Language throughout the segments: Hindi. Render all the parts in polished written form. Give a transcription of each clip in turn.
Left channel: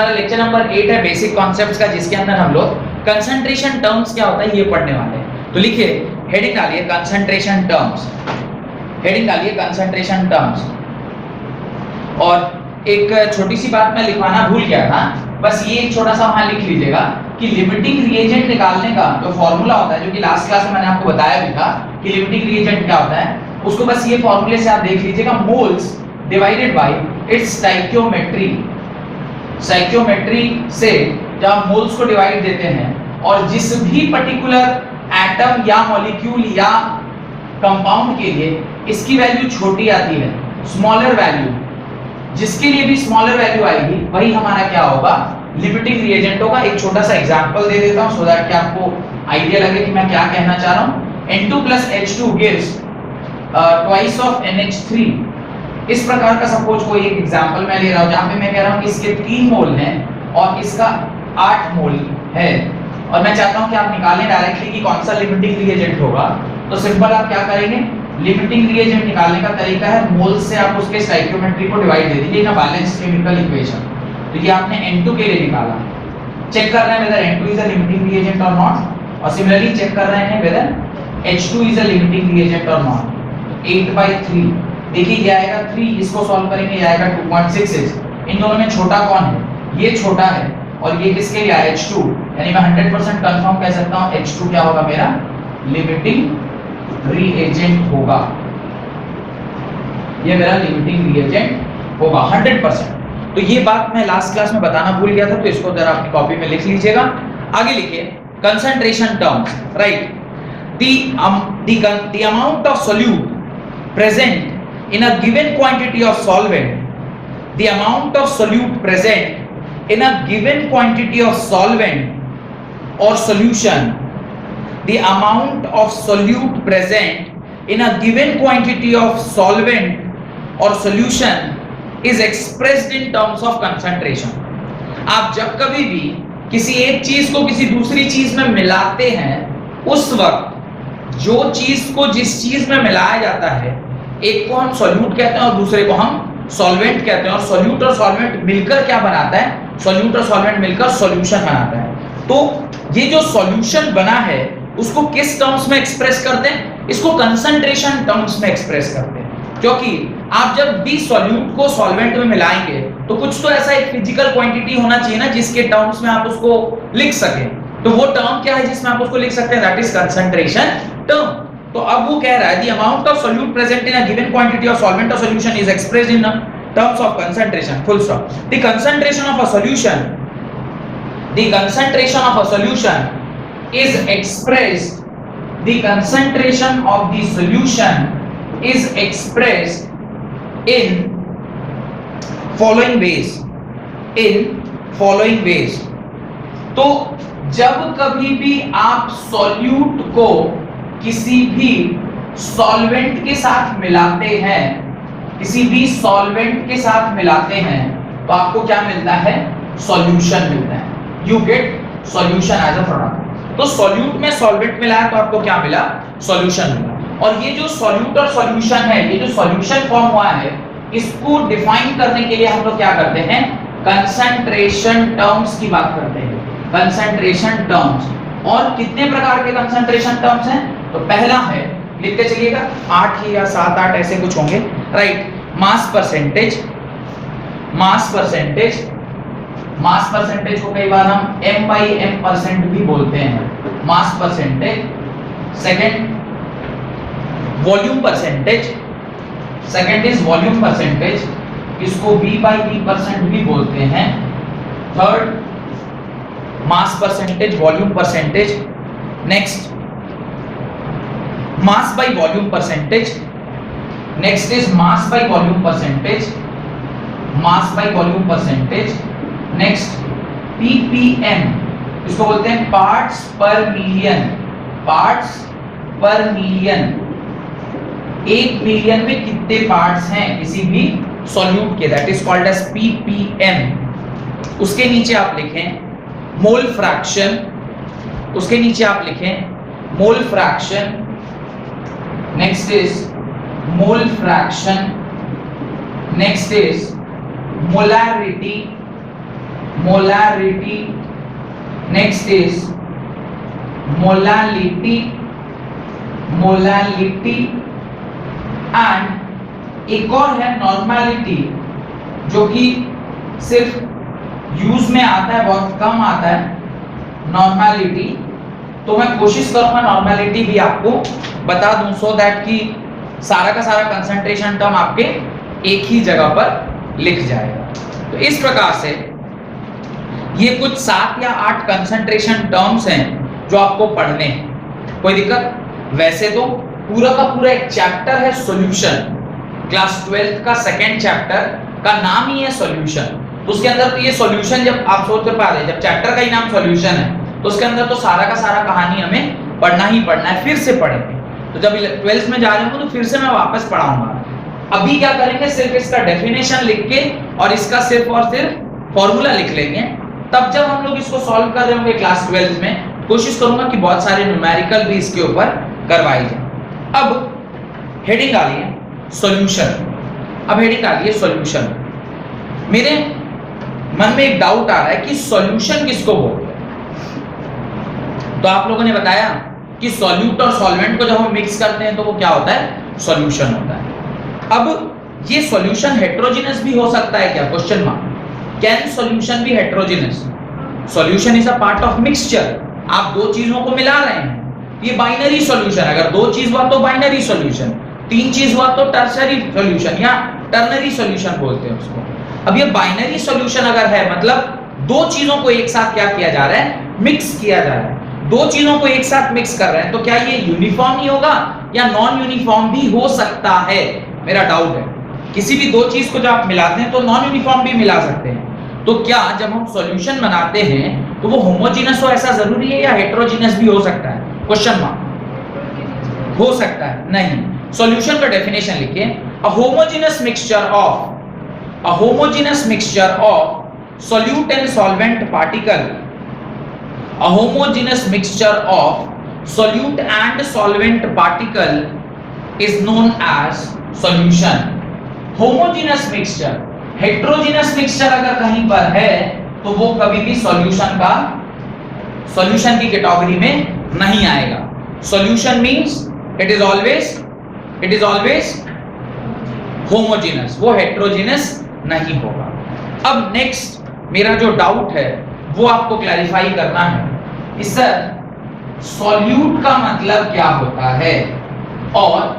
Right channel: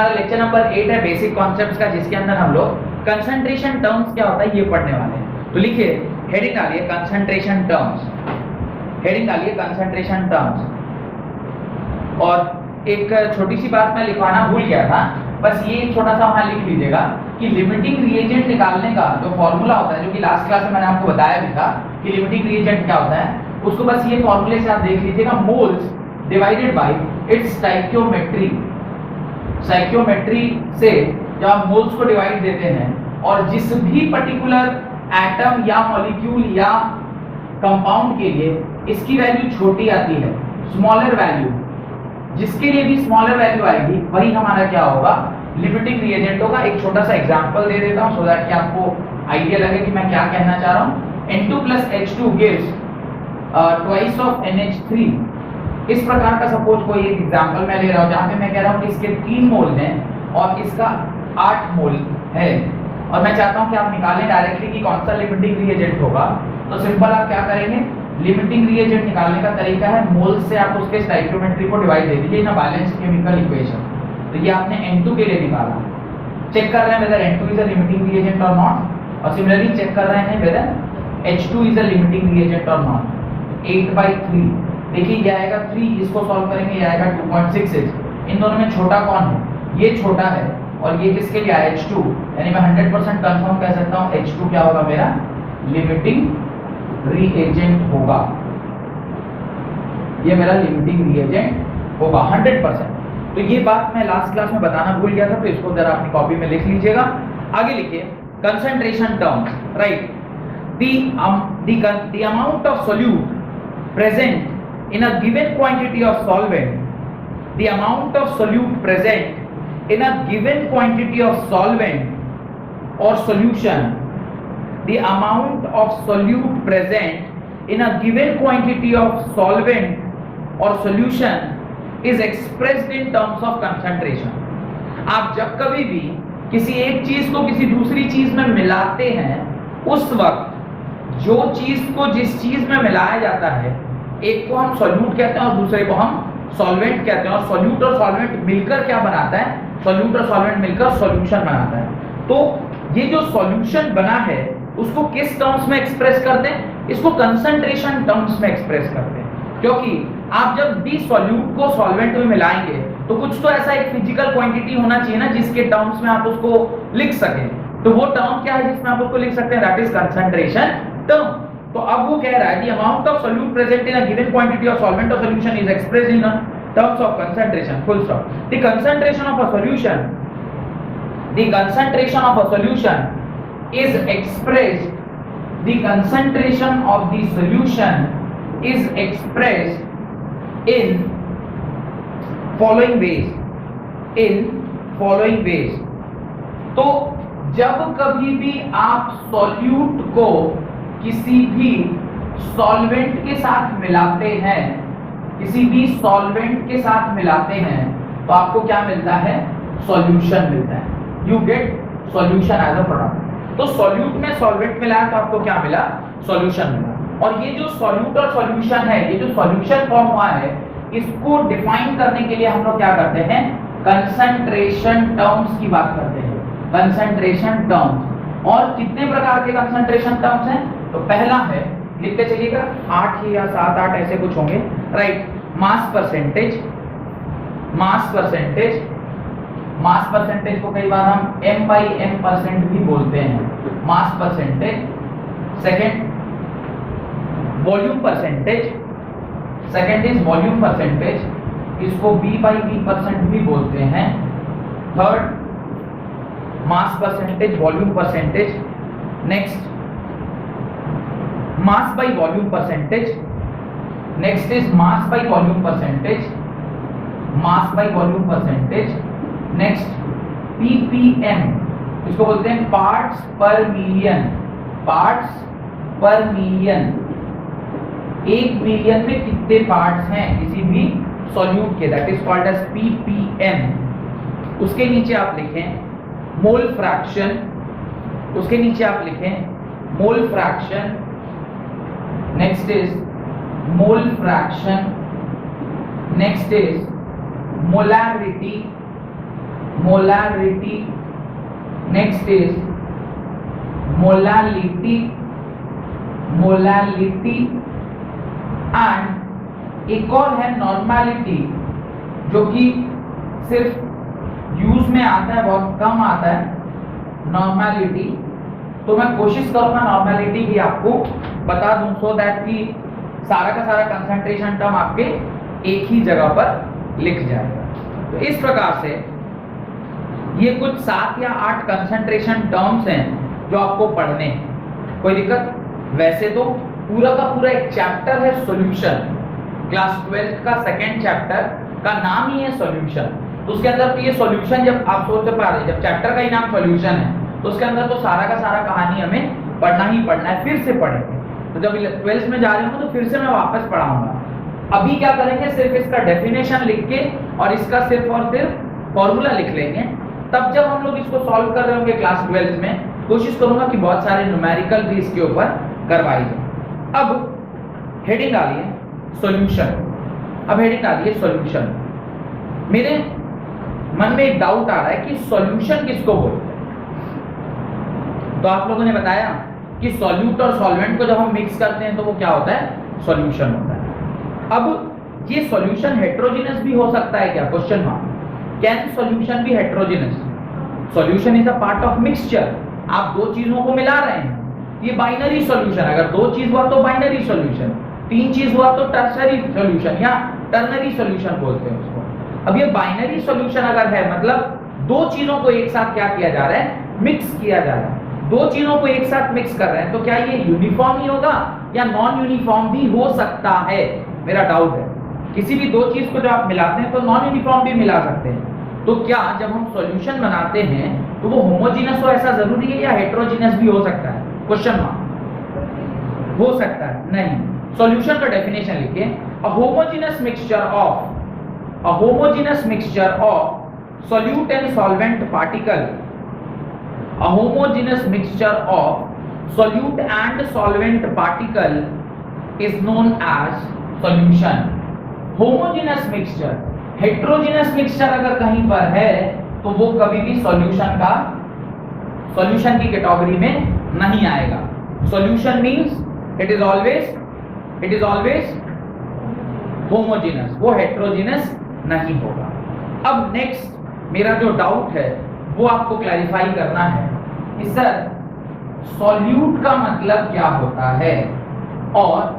हमारा लेक्चर नंबर 8 है बेसिक कॉन्सेप्ट्स का, जिसके अंदर हम लोग कंसंट्रेशन टर्म्स क्या होता है ये पढ़ने वाले हैं। तो लिखिए, हेडिंग डालिए कंसंट्रेशन टर्म्स, हेडिंग डालिए कंसंट्रेशन टर्म्स। और एक छोटी सी बात मैं लिखवाना भूल गया था, बस ये एक छोटा सा वहां लिख लीजिएगा कि लिमिटिंग रिएजेंट निकालने का जो फॉर्मूला होता है, जो कि लास्ट क्लास में मैंने आपको बताया भी था कि लिमिटिंग रिएजेंट क्या होता है, उसको बस ये फॉर्मूले से आप देख लीजिएगा, moles divided by it's stoichiometry. Stoichiometry से जब आप मोल्स को डिवाइड देते हैं और जिस भी पर्टिकुलर एटम या मॉलिक्यूल या कंपाउंड के लिए इसकी वैल्यू छोटी आती है, स्मॉलर वैल्यू, जिसके लिए भी स्मॉलर वैल्यू आएगी वही हमारा क्या होगा, लिमिटिंग रिएजेंट होगा। एक छोटा सा एग्जांपल दे देता हूं सो दैट कि आपको आइडिया लगे कि मैं क्या कहना चाह रहा हूं। N2 + H2 gives twice of NH3। इस प्रकार का सपोज कोई एक एग्जांपल मैं ले रहा हूं जहां पे मैं कह रहा हूं कि इसके 3 मोल हैं और इसका 8 मोल है, और मैं चाहता हूं कि आप निकालें डायरेक्टली कि कौन सा लिमिटिंग रिएजेंट होगा। तो सिंपल आप क्या करेंगे, लिमिटिंग रिएजेंट निकालने का तरीका है मोल से आप उसके स्टोइकियोमेट्री को डिवाइड दे दीजिए ना बैलेंस केमिकल इक्वेशन। तो ये आपने N2 के लिए निकाला, चेक कर रहे हैं whether N2 is a limiting reagent और नॉट, और सिमिलरली चेक कर रहे हैं whether H2 is a limiting reagent और नॉट। 8/3 देखिए ये आएगा 3, इसको सॉल्व करेंगे ये आएगा 2.66। इन दोनों में छोटा कौन है, ये छोटा है, और ये किसके लिए है, H2, यानी मैं 100% कंफर्म कह सकता हूं H2 क्या होगा मेरा लिमिटिंग रिएजेंट होगा, ये मेरा लिमिटिंग रिएजेंट होगा 100%। तो ये बात मैं लास्ट क्लास में बताना भूल गया था, तो इसको जरा अपनी कॉपी में लिख लीजिएगा। आगे लिखिए concentration terms, right. the amount of solute present in a given quantity of solvent, the amount of solute present in a given quantity of solvent or solution, the amount of solute present in a given quantity of solvent or solution is expressed in terms of concentration। आप जब कभी भी किसी एक चीज को किसी दूसरी चीज में मिलाते हैं, उस वक्त जो चीज को जिस चीज में मिलाया जाता है, एक को हम सॉल्यूट कहते हैं और दूसरे को हम सॉल्वेंट कहते हैं, और सॉल्यूट और सॉल्वेंट मिलकर क्या बनाता है, सॉल्यूट और सॉल्वेंट मिलकर सॉल्यूशन बनाता है। तो ये जो सॉल्यूशन बना है उसको किस टर्म्स में एक्सप्रेस करते हैं, इसको कंसंट्रेशन टर्म्स में एक्सप्रेस करते हैं, क्योंकि आप जब भी सॉल्यूट को सॉल्वेंट में मिलाएंगे तो कुछ तो ऐसा एक फिजिकल क्वांटिटी होना चाहिए ना जिसके टर्म्स में आप उसको लिख सकें। तो वो टर्म क्या है जिसमें आप उसको लिख सकते हैं, दैट इज कंसंट्रेशन टर्म। तो अब वो कह रहा है the amount of solute present in a given quantity of solvent or solution is expressed in terms of concentration, full stop। The concentration of a solution, the concentration of a solution is expressed, the concentration of the solution is expressed in following ways, in following ways। तो जब कभी भी आप सॉल्यूट को किसी भी सॉल्वेंट के साथ मिलाते हैं, किसी भी सॉल्वेंट के साथ मिलाते हैं, तो आपको क्या मिलता है, सॉल्यूशन मिलता है, you get solution as a product. तो सॉल्यूट में सॉल्वेंट मिलाया तो आपको क्या मिला, सॉल्यूशन मिला। और ये जो सॉल्यूट और सॉल्यूशन है, ये जो सॉल्यूशन फॉर्म हुआ है, इसको डिफाइन करने के लिए हम लोग क्या करते हैं, कंसंट्रेशन टर्म्स की बात करते हैं, कंसंट्रेशन टर्म्स। और कितने प्रकार के कंसंट्रेशन टर्म्स हैं, तो पहला है, लिखते चलिएगा, 8 ही या 7-8 ऐसे कुछ होंगे, right. Mass percentage, mass percentage, mass percentage को कई बार हम m/m% भी बोलते हैं, mass percentage. Second volume percentage, second is volume percentage, इसको v/v% भी बोलते हैं। Third mass percentage, volume percentage. Next mass by volume percentage, next is mass by volume percentage, mass by volume percentage. Next ppm, इसको बोलते हैं पार्ट्स पर मिलियन, पार्ट्स पर मिलियन। 1 मिलियन में कितने पार्ट्स हैं किसी भी सॉल्यूट के, that is called as ppm। उसके नीचे आप लिखें मोल फ्रैक्शन, उसके नीचे आप लिखें mole fraction. Next is mole fraction, next is molarity, molarity, next is molality, and एक और है नॉर्मैलिटी, जो कि सिर्फ यूज में आता है, बहुत कम आता है नॉर्मैलिटी। तो मैं कोशिश करूंगा नॉर्मैलिटी भी आपको बता दूं, सो दैट कि सारा का सारा कंसंट्रेशन टर्म आपके एक ही जगह पर लिख जाएगा। तो इस प्रकार से ये कुछ 7 या 8 कंसंट्रेशन टर्म्स हैं जो आपको पढ़ने हैं। कोई दिक्कत? वैसे तो पूरा का पूरा एक चैप्टर है सॉल्यूशन, क्लास 12th का सेकंड चैप्टर का नाम ही है सॉल्यूशन। तो उसके अंदर तो ये सॉल्यूशन, जब आप सोच पा रहे हैं जब चैप्टर का ही नाम सॉल्यूशन है तो उसके अंदर तो सारा का सारा कहानी हमें पढ़ना ही पढ़ना है, फिर से पढ़ेंगे। तो जब 12th में जा रहे होंगे तो फिर से मैं वापस पढ़ाऊंगा। अभी क्या करेंगे, सिर्फ इसका डेफिनेशन लिख के और इसका सिर्फ और सिर्फ फॉर्मूला लिख लेंगे। तब जब हम लोग इसको सॉल्व कर रहे होंगे क्लास 12th में, कोशिश करूंगा कि बहुत सारे न्यूमेरिकल भी इसके ऊपर करवाई जाए। अब हेडिंग आ रही है सॉल्यूशन। अब हेडिंग आ रही है सॉल्यूशन। मेरे मन में एक डाउट आ रहा है कि सॉल्यूशन किसको बोलते हैं। तो आप लोगों ने बताया कि सॉल्यूट और सॉल्वेंट को जब हम मिक्स करते हैं तो वो क्या होता है, सॉल्यूशन होता है। अब ये सॉल्यूशन हेटेरोजेनस भी हो सकता है क्या, question mark. Can solution be heterogeneous? Solution is a part of mixture. आप दो चीजों को मिला रहे हैं, ये बाइनरी सॉल्यूशन। अगर दो चीज हुआ तो बाइनरी सॉल्यूशन, तीन चीज हुआ तो टर्शरी सॉल्यूशन या टर्नरी सॉल्यूशन बोलते हैं उसको। अब ये बाइनरी सॉल्यूशन अगर है, मतलब दो चीजों को एक साथ क्या किया जा रहा है, मिक्स किया जा रहा है। दो चीजों को एक साथ मिक्स कर रहे हैं, तो क्या ये यूनिफॉर्म ही होगा या नॉन यूनिफॉर्म भी हो सकता है, मेरा डाउट है। किसी भी दो चीज को जब आप मिलाते हैं तो नॉन यूनिफॉर्म भी मिला सकते हैं। तो क्या जब हम सॉल्यूशन बनाते हैं तो वो होमोजेनस हो, ऐसा जरूरी है, या हेटेरोजेनस भी हो सकता है, क्वेश्चन मार्क। हो सकता है, नहीं। सॉल्यूशन का डेफिनेशन लिखिए, a homogeneous mixture of solute and solvent particle, a homogeneous mixture of solute and solvent particle is known as solution. homogeneous mixture, heterogeneous mixture अगर कहीं पर है तो वो कभी भी सॉल्यूशन की कैटेगरी में नहीं आएगा। solution means it is always homogeneous, वो heterogeneous नहीं होगा। अब नेक्स्ट मेरा जो डाउट है वो आपको क्लैरिफाई करना है कि सर सॉल्यूट का मतलब क्या होता है और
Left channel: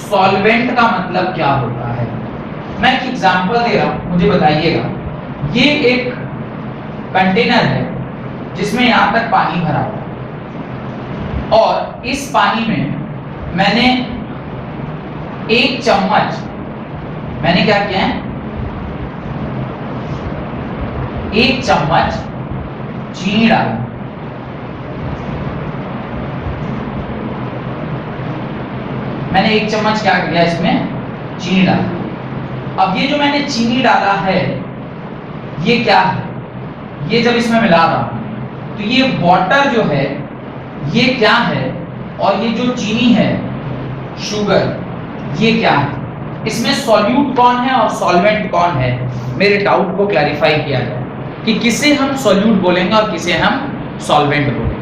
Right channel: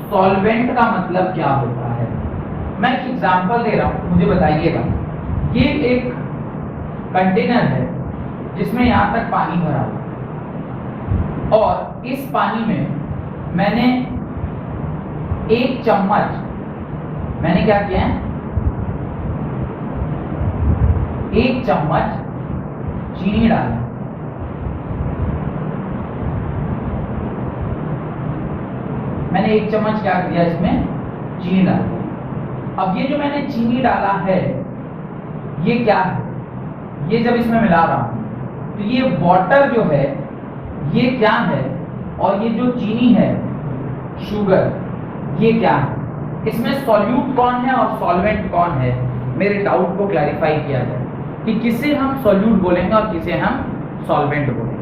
सॉल्वेंट का मतलब क्या होता है। मैं एक एग्जांपल दे रहा हूं, मुझे बताइएगा। ये एक कंटेनर है जिसमें यहां तक पानी भरा हुआ है और इस पानी में मैंने एक चम्मच, मैंने क्या किया है, एक चम्मच चीनी डाला। मैंने एक चम्मच क्या किया, इसमें चीनी डाला। अब ये जो मैंने चीनी डाला है ये क्या है, ये जब इसमें मिला रहा हूं तो ये वाटर जो है ये क्या है, और ये जो चीनी है शुगर ये क्या है। इसमें सॉल्यूट कौन है और सॉल्वेंट कौन है, मेरे डाउट को क्लैरिफाई किया जाए कि किसे हम सॉल्यूट बोलेंगे और किसे हम सॉल्वेंट बोलेंगे।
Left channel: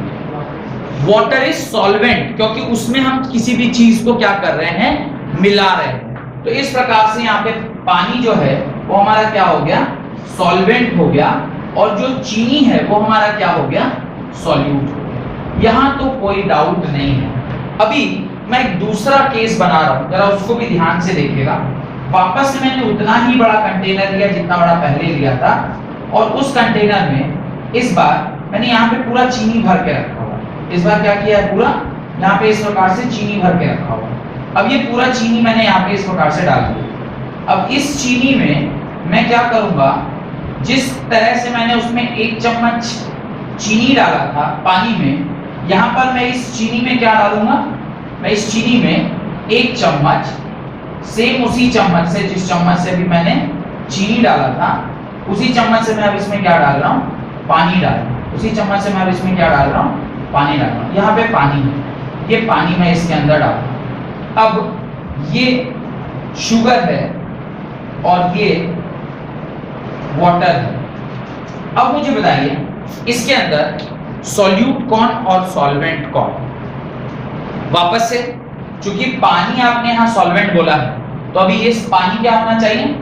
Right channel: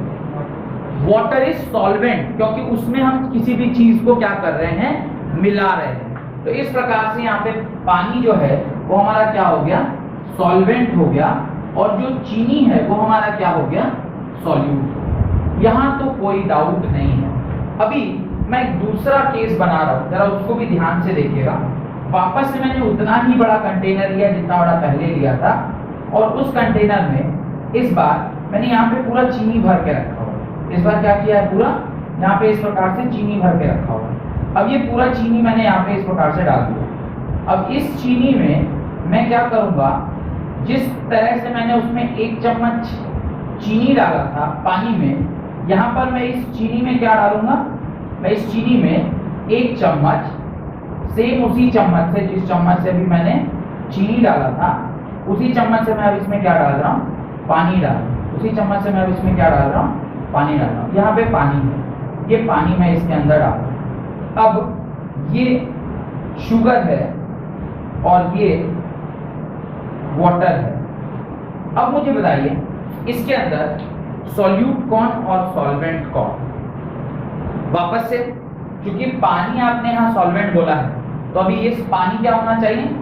वाटर इज सॉल्वेंट क्योंकि उसमें हम किसी भी चीज को क्या कर रहे हैं, मिला रहे हैं। तो इस प्रकार से यहाँ पे पानी जो है वो हमारा क्या हो गया, सॉल्वेंट हो गया, और जो चीनी है वो हमारा क्या हो गया, सॉल्यूट हो गया। यहाँ तो कोई डाउट नहीं है। अभी मैं एक दूसरा केस बना रहा हूँ, जरा उसको भी ध्यान से देखिएगा। वापस से मैंने उतना ही बड़ा कंटेनर लिया जितना बड़ा पहले लिया था, और उस कंटेनर में इस बार मैंने यहाँ पे पूरा चीनी भर के रखा हुआ। इस बार क्या किया है, पूरा यहाँ पे इस प्रकार से चीनी भर के रखा हुआ। अब ये पूरा चीनी मैंने यहाँ पे इस प्रकार से डाल दिया। अब इस चीनी में मैं क्या करूँगा, जिस तरह से मैंने उसमें एक चम्मच चीनी डाला था पानी में, यहाँ पर मैं इस चीनी में क्या डालूंगा, मैं इस चीनी में एक चम्मच, सेम उसी चम्मच से जिस चम्मच से भी मैंने चीनी डाला था, उसी चम्मच से मैं अब इसमें क्या डाल रहा हूँ, पानी डाल रहा हूँ। उसी चम्मच से मैं अब इसमें क्या डाल रहा हूँ, पानी डाल रहा हूँ। यहाँ पे पानी है, ये पानी मैं इसके अंदर डाल रहा हूँ। अब ये शुगर है और ये वाटर है। अब मुझे बताइए इसके अंदर सॉल्यूट कौन और सॉल्वेंट कौन? वापस से, चूंकि पानी आपने यहां सॉल्वेंट बोला है, तो अभी ये पानी क्या होना चाहिए?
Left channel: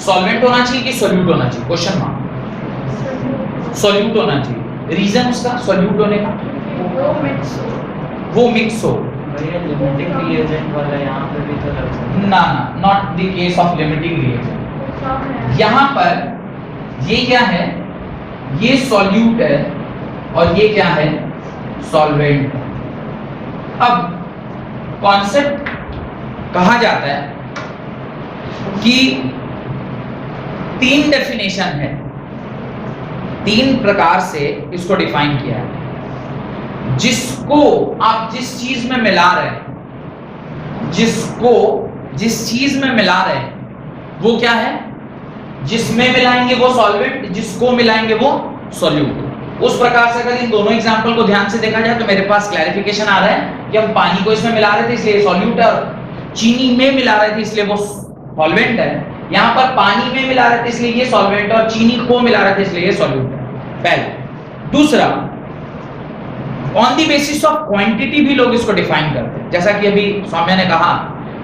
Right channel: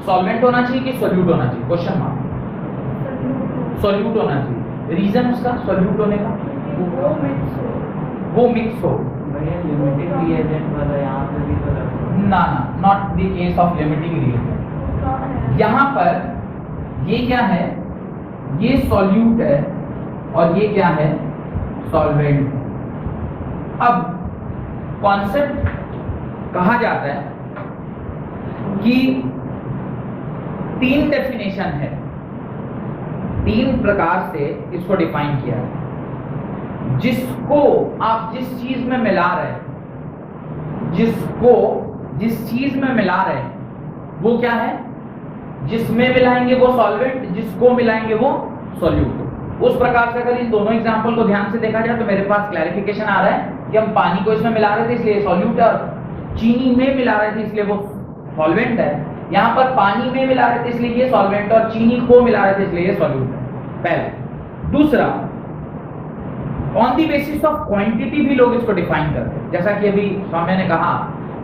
सॉल्वेंट होना चाहिए कि सॉल्यूट होना चाहिए? Question mark. सॉल्यूट होना चाहिए। रीजन उसका सॉल्यूट होने का? वो मिक्स हो। लिमिटिंग रिएजेंट वाला यहाँ पे भी तो लग सकता है। ना, not the case of limiting reagent. यहाँ पर ये क्या है? ये सॉल्यूट है और ये क्या है? सॉल्वेंट। अब कॉन्सेप्ट कहा जाता है कि 3 डेफिनेशन है, 3 प्रकार से इसको डिफाइन किया है। जिसको आप जिस चीज में मिला रहे हैं, जिसको जिस चीज में मिला रहे हैं वो क्या है? जिसमें मिलाएंगे वो सॉल्वेंट, जिसको मिलाएंगे वो सॉल्यूट। उस प्रकार से अगर इन दोनों एग्जांपल को ध्यान से देखा जाए तो मेरे पास क्लैरिफिकेशन आ रहा है कि हम पानी को इसमें मिला रहे थे इसलिए सॉल्यूट है, और चीनी में मिला रहे थे इसलिए वो सॉल्वेंट है। यहाँ पर पानी में मिला रहे थे इसलिए ये सॉल्वेंट, और चीनी को मिला रहे थे इसलिए ये सॉल्यूट है। पहले। दूसरा, on the basis of quantity भी लोग इसको डिफाइन करते हैं, जैसा कि अभी सौम्या ने कहा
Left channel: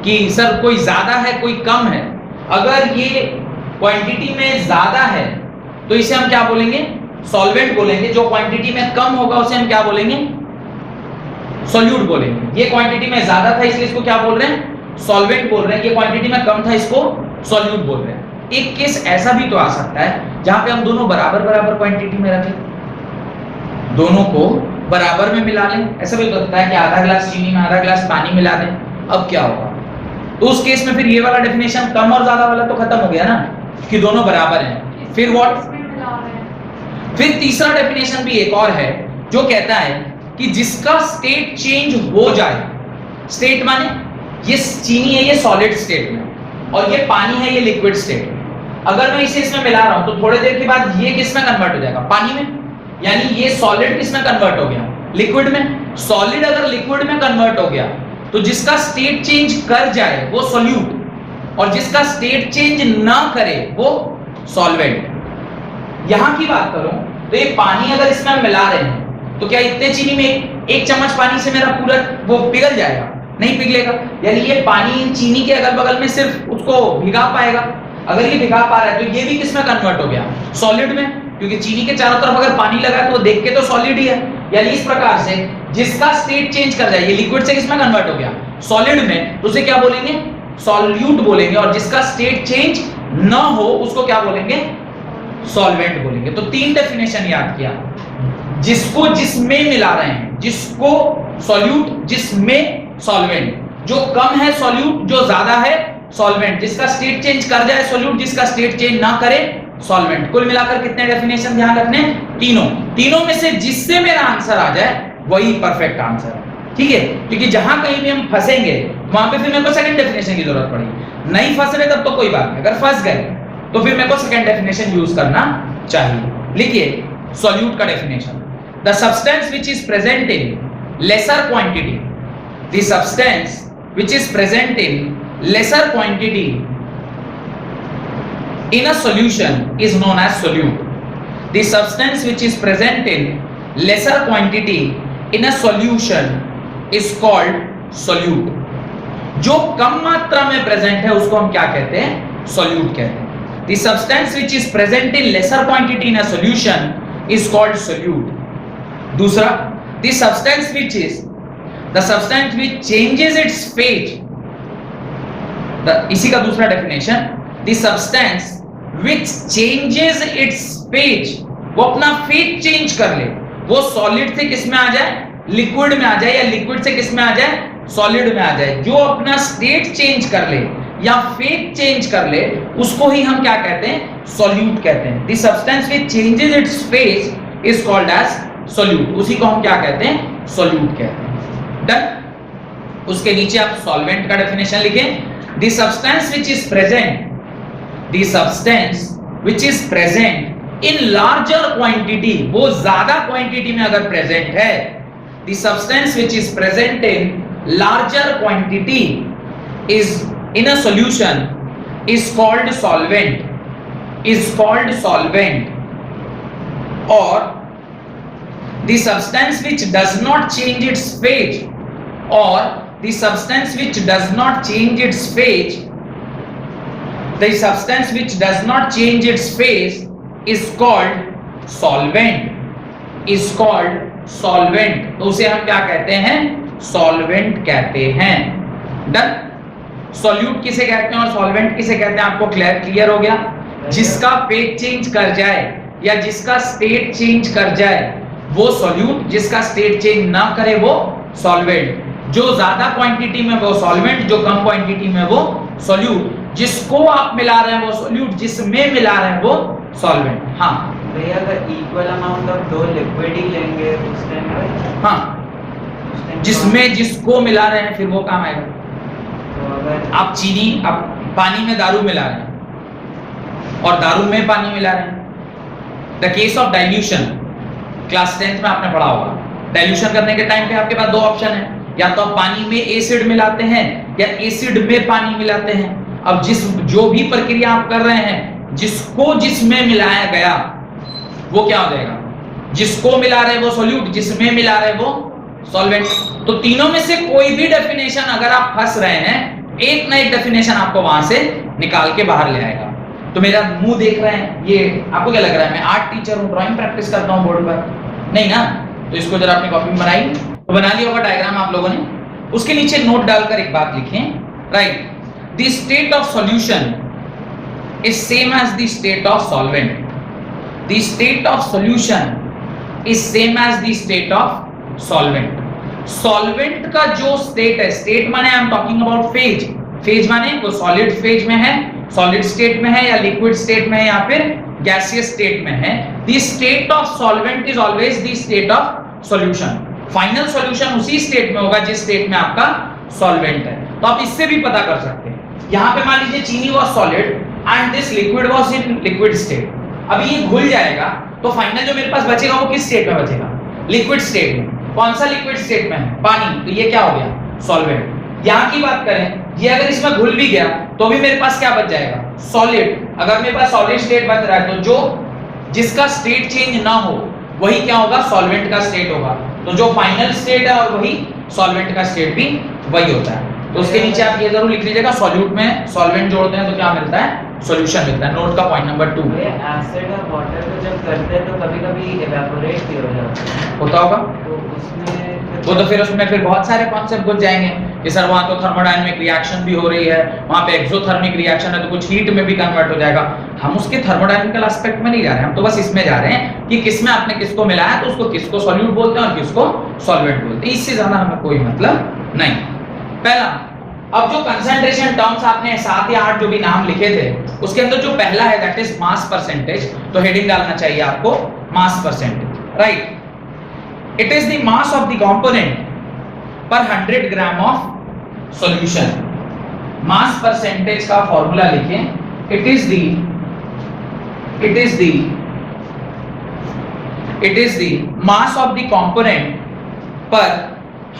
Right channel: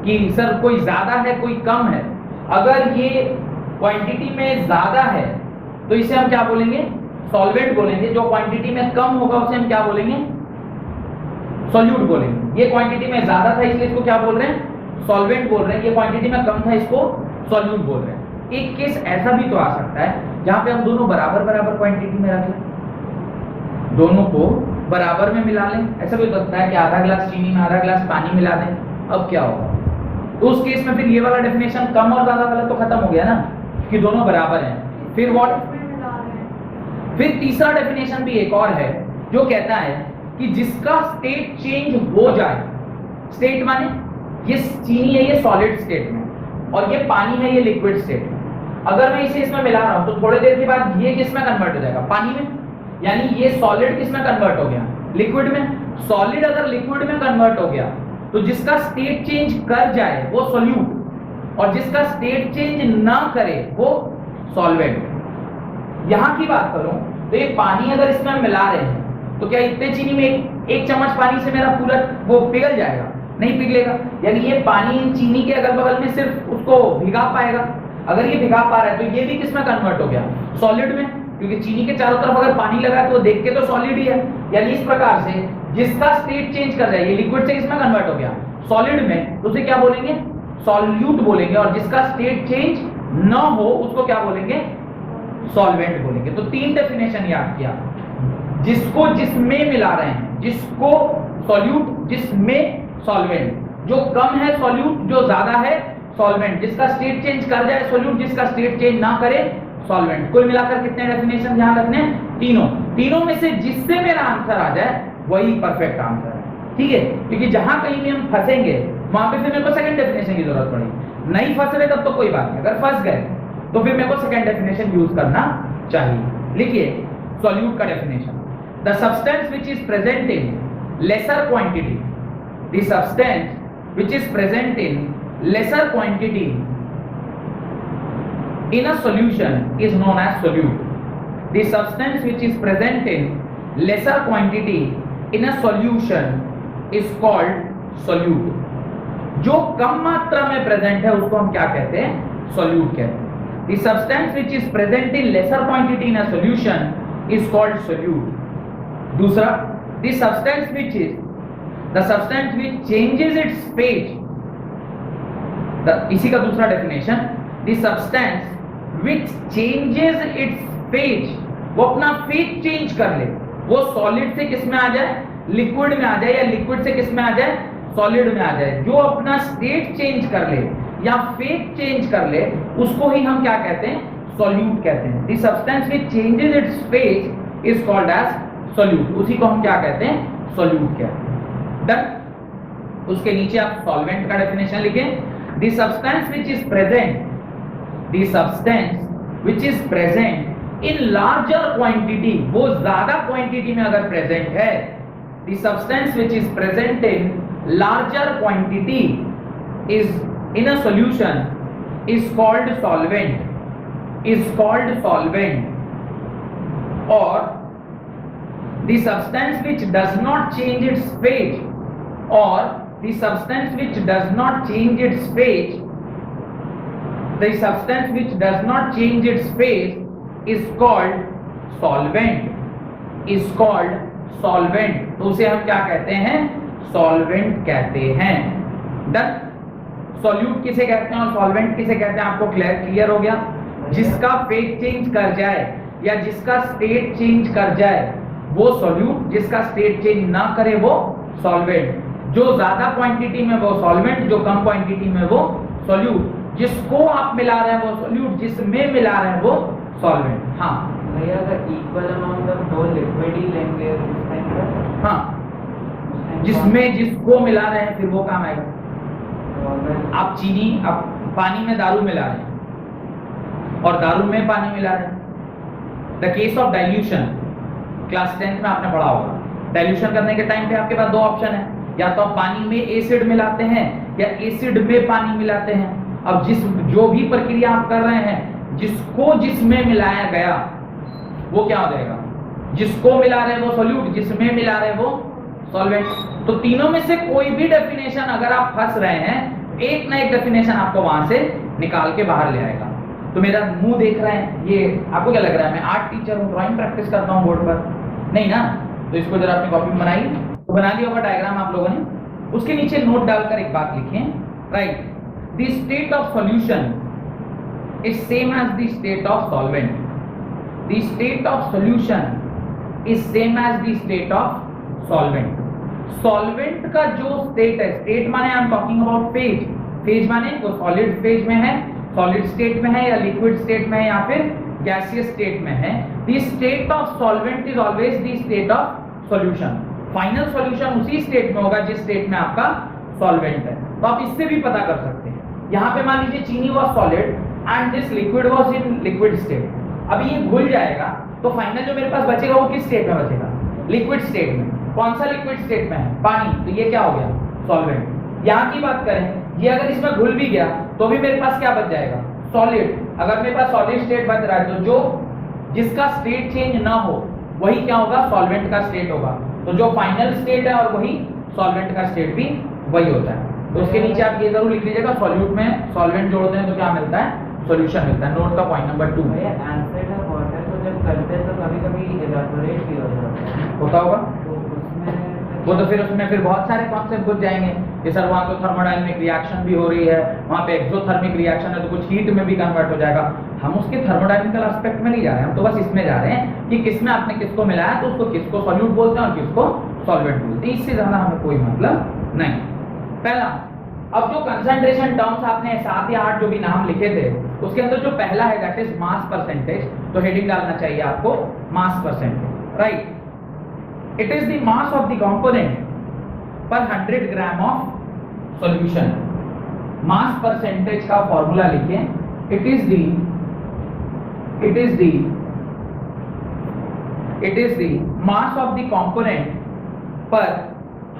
कि सर कोई ज्यादा है कोई कम है। अगर ये क्वांटिटी में ज्यादा है तो इसे हम क्या बोलेंगे? सॉल्वेंट बोलेंगे। जो क्वांटिटी में कम होगा उसे हम क्या बोलेंगे? सॉल्यूट बोलेंगे। ये क्वांटिटी में ज्यादा था इसलिए इसको क्या बोल रहे हैं? सॉल्वेंट बोल रहे हैं। ये क्वांटिटी में कम था इसको सॉल्यूट बोल रहे हैं। एक केस ऐसा भी तो आ सकता है जहां पे हम दोनों बराबर बराबर क्वांटिटी में रखें, दोनों को बराबर में मिला लें। ऐसा भी तो होता है कि आधा ग्लास चीनी में आधा ग्लास पानी मिला दें। अब क्या होगा? तो उस केस में फिर ये वाला डेफिनेशन कम और ज्यादा वाला तो खत्म हो गया ना, कि दोनों बराबर हैं। फिर व्हाट? फिर तीसरा डेफिनेशन भी एक और है जो कहता है कि जिसका स्टेट चेंज हो जाए, स्टेट माने ये चीनी है ये सॉलिड स्टेट में और ये पानी है ये लिक्विड स्टेट में। अगर मैं इसे इसमें मिला रहा हूं तो थोड़ी देर के बाद ये किस में कन्वर्ट हो जाएगा? पानी में। यानी ये सॉलिड किस में कन्वर्ट हो गया? लिक्विड में। सॉलिड अगर लिक्विड में कन्वर्ट हो गया तो जिसका स्टेट चेंज कर जाए वो सॉल्यूट, और जिसका स्टेट चेंज ना करे वो सॉल्वेंट। यहां की बात करूं तो ये पानी अगर इसमें हम मिला रहे हैं तो क्या इतने चीनी में एक चम्मच पानी से मेरा पूरा वो पिघल जाएगा? नहीं पिघलेगा। यानी ये पानी चीनी के अगल बगल में सिर्फ उसको भिगा पाएगा। अगर ये भिगा पा रहा है तो ये भी किसमें कन्वर्ट हो गया? सॉलिड में, क्योंकि चीनी के चारों तरफ अगर पानी लगा है तो देख के तो सॉलिड ही है। यानी इस प्रकार से जिसका स्टेट चेंज कर जाए, ये लिक्विड से किसमें कन्वर्ट हो गया? सॉलिड में, तो उसे क्या बोलेंगे? सॉल्यूट बोलेंगे। और जिसका स्टेट चेंज ना हो उसको क्या बोलेंगे? सॉल्वेंट बोलेंगे। तो 3 डेफिनेशन याद किया। जिसको जिसमें मिला रहे हैं, जिसको सॉल्यूट, जिसमें सॉल्वेंट। जो कम है सॉल्यूट, जो ज्यादा है सॉल्वेंट। जिसका स्टेट चेंज कर जाए सॉल्यूट, जिसका स्टेट चेंज ना करे सॉल्वेंट। कुल मिलाकर कितने डेफिनेशन ध्यान रखने? तीनों में से जिससे मेरा आंसर आ जाए वही परफेक्ट आंसर है। ठीक है, क्योंकि जहां कहीं भी हम फंसेंगे वहां पे फिर मेरे को सेकंड डेफिनेशन की जरूरत पड़ेगी। नहीं फंस रहे तब तो कोई बात नहीं, अगर फंस गए तो फिर मेरे को सेकंड डेफिनेशन यूज करना चाहिए। लिखिए सॉल्यूट का definition. The substance which is present in laser quantity, the substance which is present in laser quantity in a solution is known as solute. The substance which is present in lesser quantity in a solution is called solute. जो कम मात्रा में प्रेजेंट है उसको हम क्या कहते हैं? solute कहते हैं। The substance which is present in lesser quantity in a solution is called solute. दूसरा, the substance which changes its phase, इसी का दूसरा definition, the substance which changes its phase, वो अपना फेज चेंज कर ले, वो सॉलिड से किस में आ जाए? लिक्विड में आ जाए, या लिक्विड से किस में आ जाए? सॉलिड में आ जाए। जो अपना स्टेट चेंज कर ले या फेज चेंज कर ले उसको ही हम क्या कहते हैं? सॉल्यूट कहते हैं। the substance which changes its phase is called as solute. उसी को हम क्या कहते हैं? सॉल्यूट कहते हैं। डन। उसके नीचे आप सॉल्वेंट का डेफिनेशन लिखें। the substance which is present in larger quantity, वो ज्यादा क्वांटिटी में अगर प्रेजेंट है, the substance which is present in larger quantity is in a solution is called solvent, or the substance which does not change its phase, or the substance which does not change its phase, the substance which does not change its phase is called solvent, is called solvent. तो उसे हम क्या कहते हैं? solvent कहते हैं. डन. सॉल्यूट किसे कहते हैं और सॉल्वेंट किसे कहते हैं आपको क्लियर हो गया? जिसका फेज चेंज कर जाए या जिसका स्टेट चेंज कर जाए वो सॉल्यूट, जिसका स्टेट चेंज ना करे वो सॉल्वेंट. जो ज्यादा क्वांटिटी में वो सॉल्वेंट, जो कम क्वांटिटी में वो सॉल्यूट. जिसको आप मिला रहे हैं वो सॉल्यूट, जिसमें मिला रहे हैं वो सॉल्वेंट. हाँ भैया अगर इक्वल अमाउंट ऑफ दो लिक्विड ही लेंगे उस टाइम पर, हाँ, जिसमें जिसको मिला रहे हैं फिर वो काम आएगा. तो अगर आप चीनी, आप पानी में दारू मिला रहे हैं और दारू में पानी मिला रहे हैं. The case of dilution, class 10th में आपने पढ़ा होगा. डाइल्यूशन करने के टाइम पे आपके पास दो ऑप्शन है, या तो आप पानी में एसिड मिलाते हैं या एसिड में पानी मिलाते हैं. अब जो भी प्रक्रिया आप कर रहे हैं, जिसको जिसमें मिलाया गया वो क्या हो जाएगा? जिसको मिला रहे वो सॉल्यूट, जिसमें मिला रहे वो सॉल्वेंट. तो तीनों में से कोई भी डेफिनेशन अगर आप फंस रहे हैं, एक ना एक डेफिनेशन आपको वहां से निकाल के बाहर ले आएगा. तो मेरा मुंह देख रहे हैं, ये आपको क्या लग रहा है मैं आर्ट टीचर हूं, ड्राइंग प्रैक्टिस करता हूं बोर्ड पर? नहीं ना. तो इसको जरा अपनी कॉपी में बनाइए. तो बना लिया होगा डायग्राम आप लोगों ने. उसके नीचे नोट डालकर एक बात लिखें, right, the state of solution is same as the state of solvent. The state of solution is same as the state of solvent. Solvent का जो स्टेट है, स्टेट माने I am talking about phase. Phase माने वो सॉलिड फेज में है, सॉलिड स्टेट में है, या लिक्विड स्टेट में है, या फिर गैसियस स्टेट में है. The state of solvent is always the state of solution. Final solution उसी स्टेट में होगा जिस स्टेट में आपका सॉल्वेंट है. तो आप इससे भी पता कर सकते हैं. यहां पे मान लीजिए चीनी was solid and this liquid was in liquid state. अभी ये घुल जाएगा तो फाइनल जो मेरे पास बचेगा वो किस स्टेट में बचेगा? लिक्विड स्टेट में. कौन सा लिक्विड स्टेट में है? पानी. तो ये क्या हो गया? सॉल्वेंट. यहां की बात करें, ये अगर इसमें घुल भी गया तो भी मेरे पास क्या बच जाएगा? सॉलिड. अगर मेरे पास सॉलिड स्टेट बच रहा है तो जो जिसका स्टेट चेंज ना हो वही क्या होगा? सॉल्वेंट का स्टेट होगा. तो जो फाइनल स्टेट है और वही सॉल्वेंट का स्टेट भी वही होता है. तो उसके नीचे आप ये जरूर लिख लीजिएगा, सॉल्यूट में सॉल्वेंट जोड़ते हैं तो क्या मिलता है? सॉल्यूशन मिलता है. नोट का पॉइंट नंबर 2. एसिड और वाटर को जब करते हैं तो कभी-कभी इवेपोरेट भी हो जाता है. होता होगा. तो उसमें वो तो फिर उसमें फिर बहुत सारे कॉन्सेप्ट घुस जाएंगे कि सर वहाँ तो थर्मोडायनामिक रिएक्शन भी हो रही है, वहाँ पे एक्सोथर्मिक रिएक्शन है तो कुछ हीट में भी कन्वर्ट हो जाएगा. हम उसके थर्मोडायनामिकल एस्पेक्ट में नहीं जा रहे हैं, हम तो बस इसमें जा रहे हैं कि किसमें आपने किसको मिलाया तो उसको किसको सॉल्यूट बोलते हैं और किसको सॉल्वेंट बोलते हैं. इससे ज्यादा हमें कोई मतलब नहीं. पहला, अब जो कंसंट्रेशन टर्म्स आपने 7 या 8 जो भी नाम लिखे थे उसके अंदर जो पहला है दैट इज मास परसेंटेज. तो हेडिंग डालना चाहिए आपको mass percentage, right. It is the mass of the component per 100 gram of solution. Mass percentage का फॉर्मूला लिखें. It is the mass of the component per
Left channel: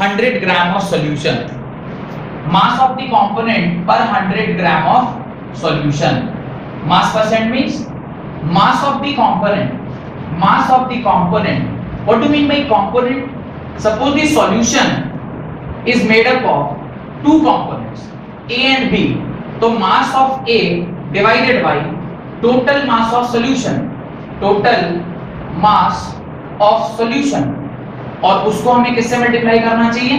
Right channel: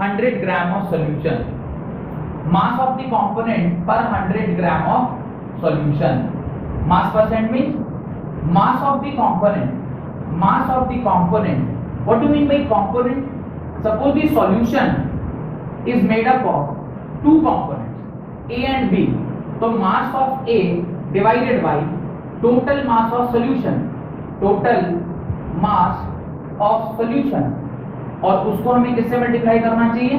100 gram of solution. Mass of the component per 100 gram of solution. Mass percent means mass of the component. Mass of the component. What do you mean by component? Suppose the solution is made up of two components, A and B. So mass of A divided by total mass of solution. Total mass of solution. और उसको हमें किससे मल्टीप्लाई करना चाहिए?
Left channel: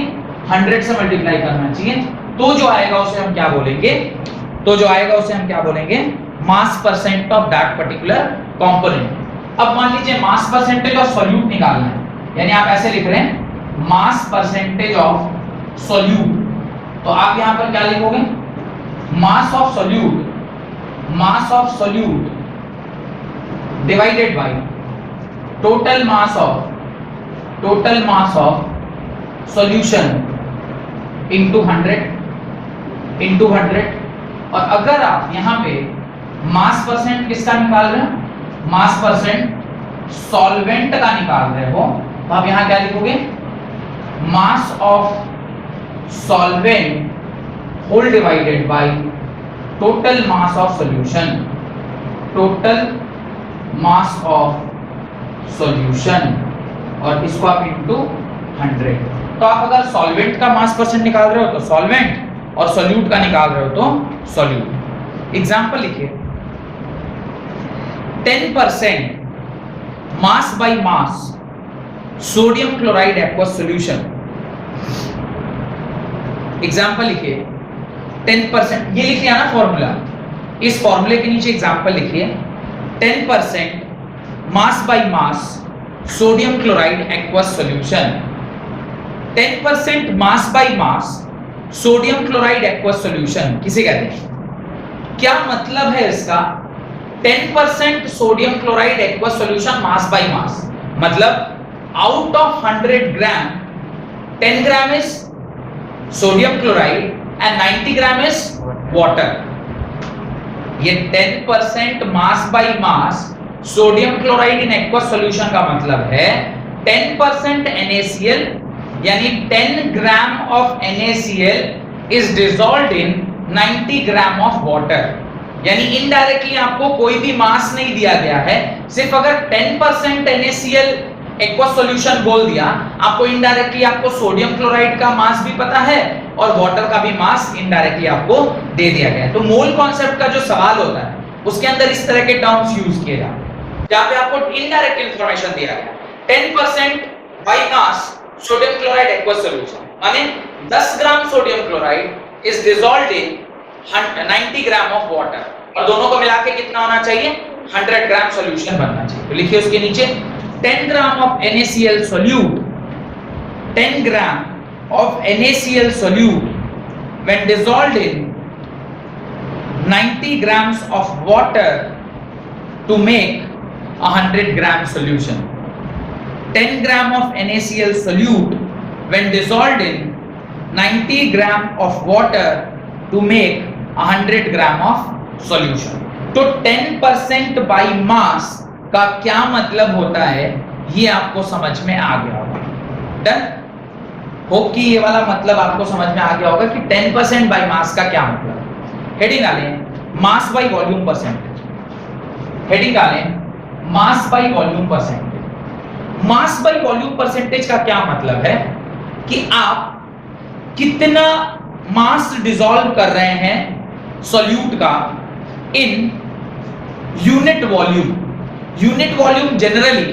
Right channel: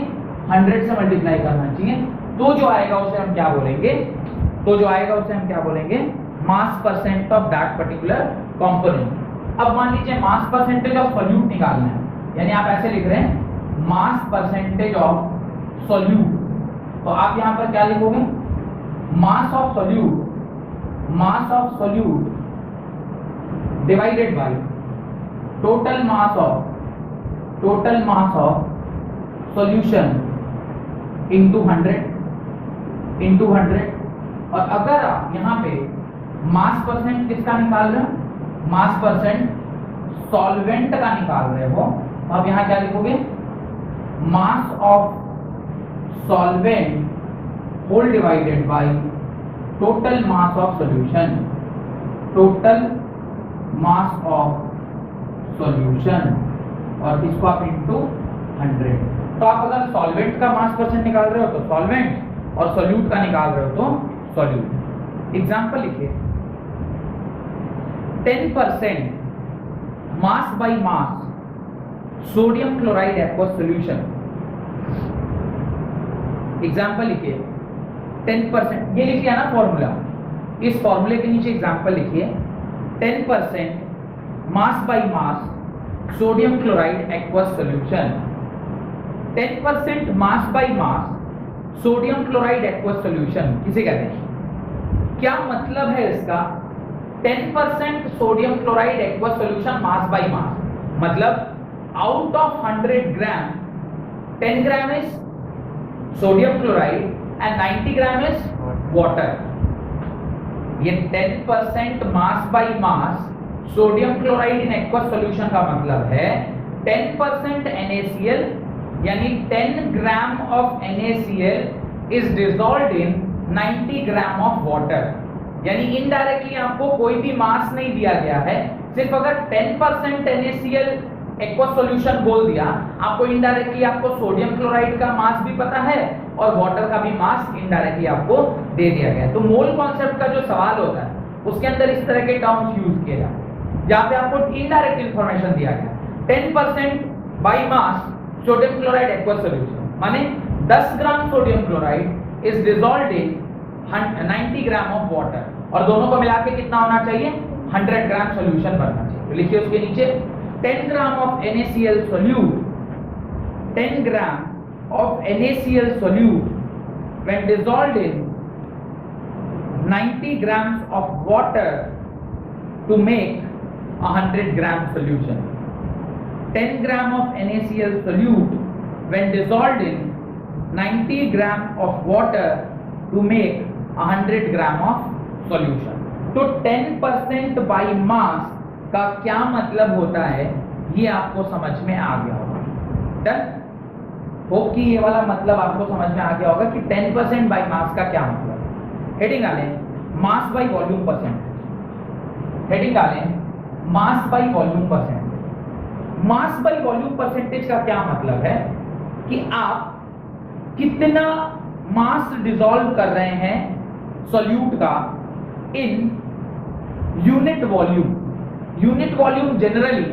100 से मल्टीप्लाई करना चाहिए. तो जो आएगा उसे हम क्या बोलेंगे? मास percent of that particular component. अब मान लीजिए मास परसेंटेज ऑफ सॉल्यूट निकालना है, यानी आप ऐसे लिख रहे हैं मास परसेंटेज ऑफ सॉल्यूट. तो आप यहां पर क्या लिखोगे? Mass of solute divided by total mass of solution into 100. और अगर आप यहां पे मास परसेंट किसका निकाल रहे हैं? मास परसेंट सॉल्वेंट का निकाल रहे हो तो आप यहां क्या लिखोगे? Mass of solvent whole divided by total mass of solution. Total mass of solution, और इसको आप इंटू 100। तो आप अगर सॉल्वेंट का मास परसेंट निकाल रहे हो तो सॉल्वेंट, और सॉल्यूट का निकाल रहे हो तो सॉल्यूट। एग्जांपल लिखिए, 10% mass by mass sodium chloride aqueous solution. Example लिखिए 10%, ये लिख लिया ना फॉर्मूला, इस फॉर्मूले के नीचे एग्जांपल लिखिए 10% mass by mass sodium chloride aqueous solution. 10% mass by mass sodium chloride aqueous solution किसे कहते हैं? क्या मतलब है इसका? 10% sodium chloride aqueous solution mass by mass, मतलब out of 100 gram 10 gram is sodium chloride and 90 gram is water. ये 10% mass by mass sodium chloride in aqueous solution का मतलब है 10% NaCl, यानी 10 gram of NaCl is dissolved in 90 gram of water. यानी इनडायरेक्टली आपको कोई भी मास नहीं दिया गया है, सिर्फ अगर 10% NaCl एक्वस सॉल्यूशन बोल दिया, आपको इनडायरेक्टली आपको सोडियम क्लोराइड का मास भी पता है और वाटर का भी मास इनडायरेक्टली आपको दे दिया गया है। तो मोल कॉन्सेप्ट का जो सवाल होता है उसके अंदर इस तरह के टर्म्स यूज किए जाते हैं जहां पे आपको इनडायरेक्ट इंफॉर्मेशन दिया गया है। 10% bye mass sodium chloride aqueous solution माने 10 gram sodium chloride is dissolved in 90 gram of water, और दोनों को मिला के कितना होना चाहिए? 100 ग्राम सॉल्यूशन बनना चाहिए। तो लिखिए उसके नीचे 10 ग्राम of NaCl solute, 10 gram of NaCl solute when dissolved in 90 grams of water to make 100 gram solution. 10 gram of NaCl solute when dissolved in 90 gram of water to make 100 gram of solution. तो 10% by mass का क्या मतलब होता है ये आपको समझ में आ गया होगा। डन? होप कि ये वाला मतलब आपको समझ में आ गया होगा कि 10% बाय मास का क्या मतलब है। हेडिंग डालें mass by volume percentage. Heading डालें mass by volume percentage. Mass by volume percentage का क्या मतलब है कि आप कितना मास डिसॉल्व कर रहे हैं सॉल्यूट का in unit volume. Unit volume generally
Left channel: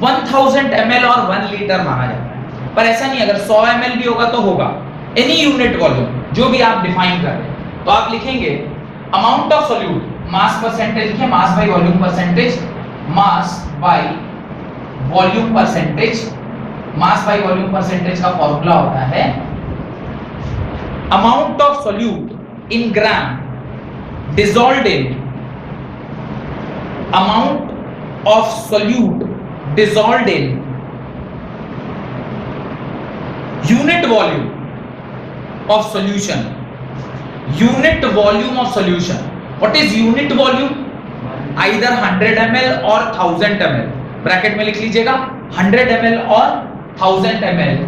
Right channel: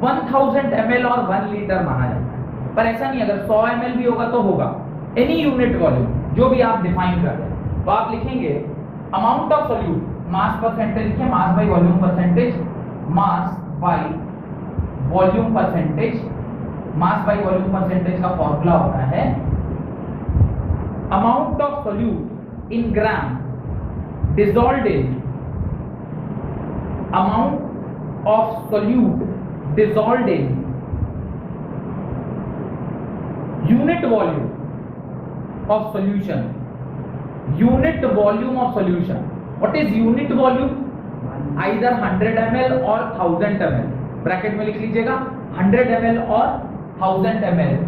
1000 ml और 1 लीटर माना जाता है, पर ऐसा नहीं, अगर 100 ml भी होगा तो होगा। एनी यूनिट वॉल्यूम जो भी आप डिफाइन कर रहे हैं, तो आप लिखेंगे amount of solute mass percentage लिखें, mass by volume percentage, mass by volume percentage. Mass by volume percentage का फॉर्मूला होता है amount of solute in gram dissolved in amount of solute dissolved in unit volume of solution. Unit volume of solution. What is unit volume? Either 100 ml or 1000 ml. Bracket में लिख लीजिएगा 100 ml और 1000 ml.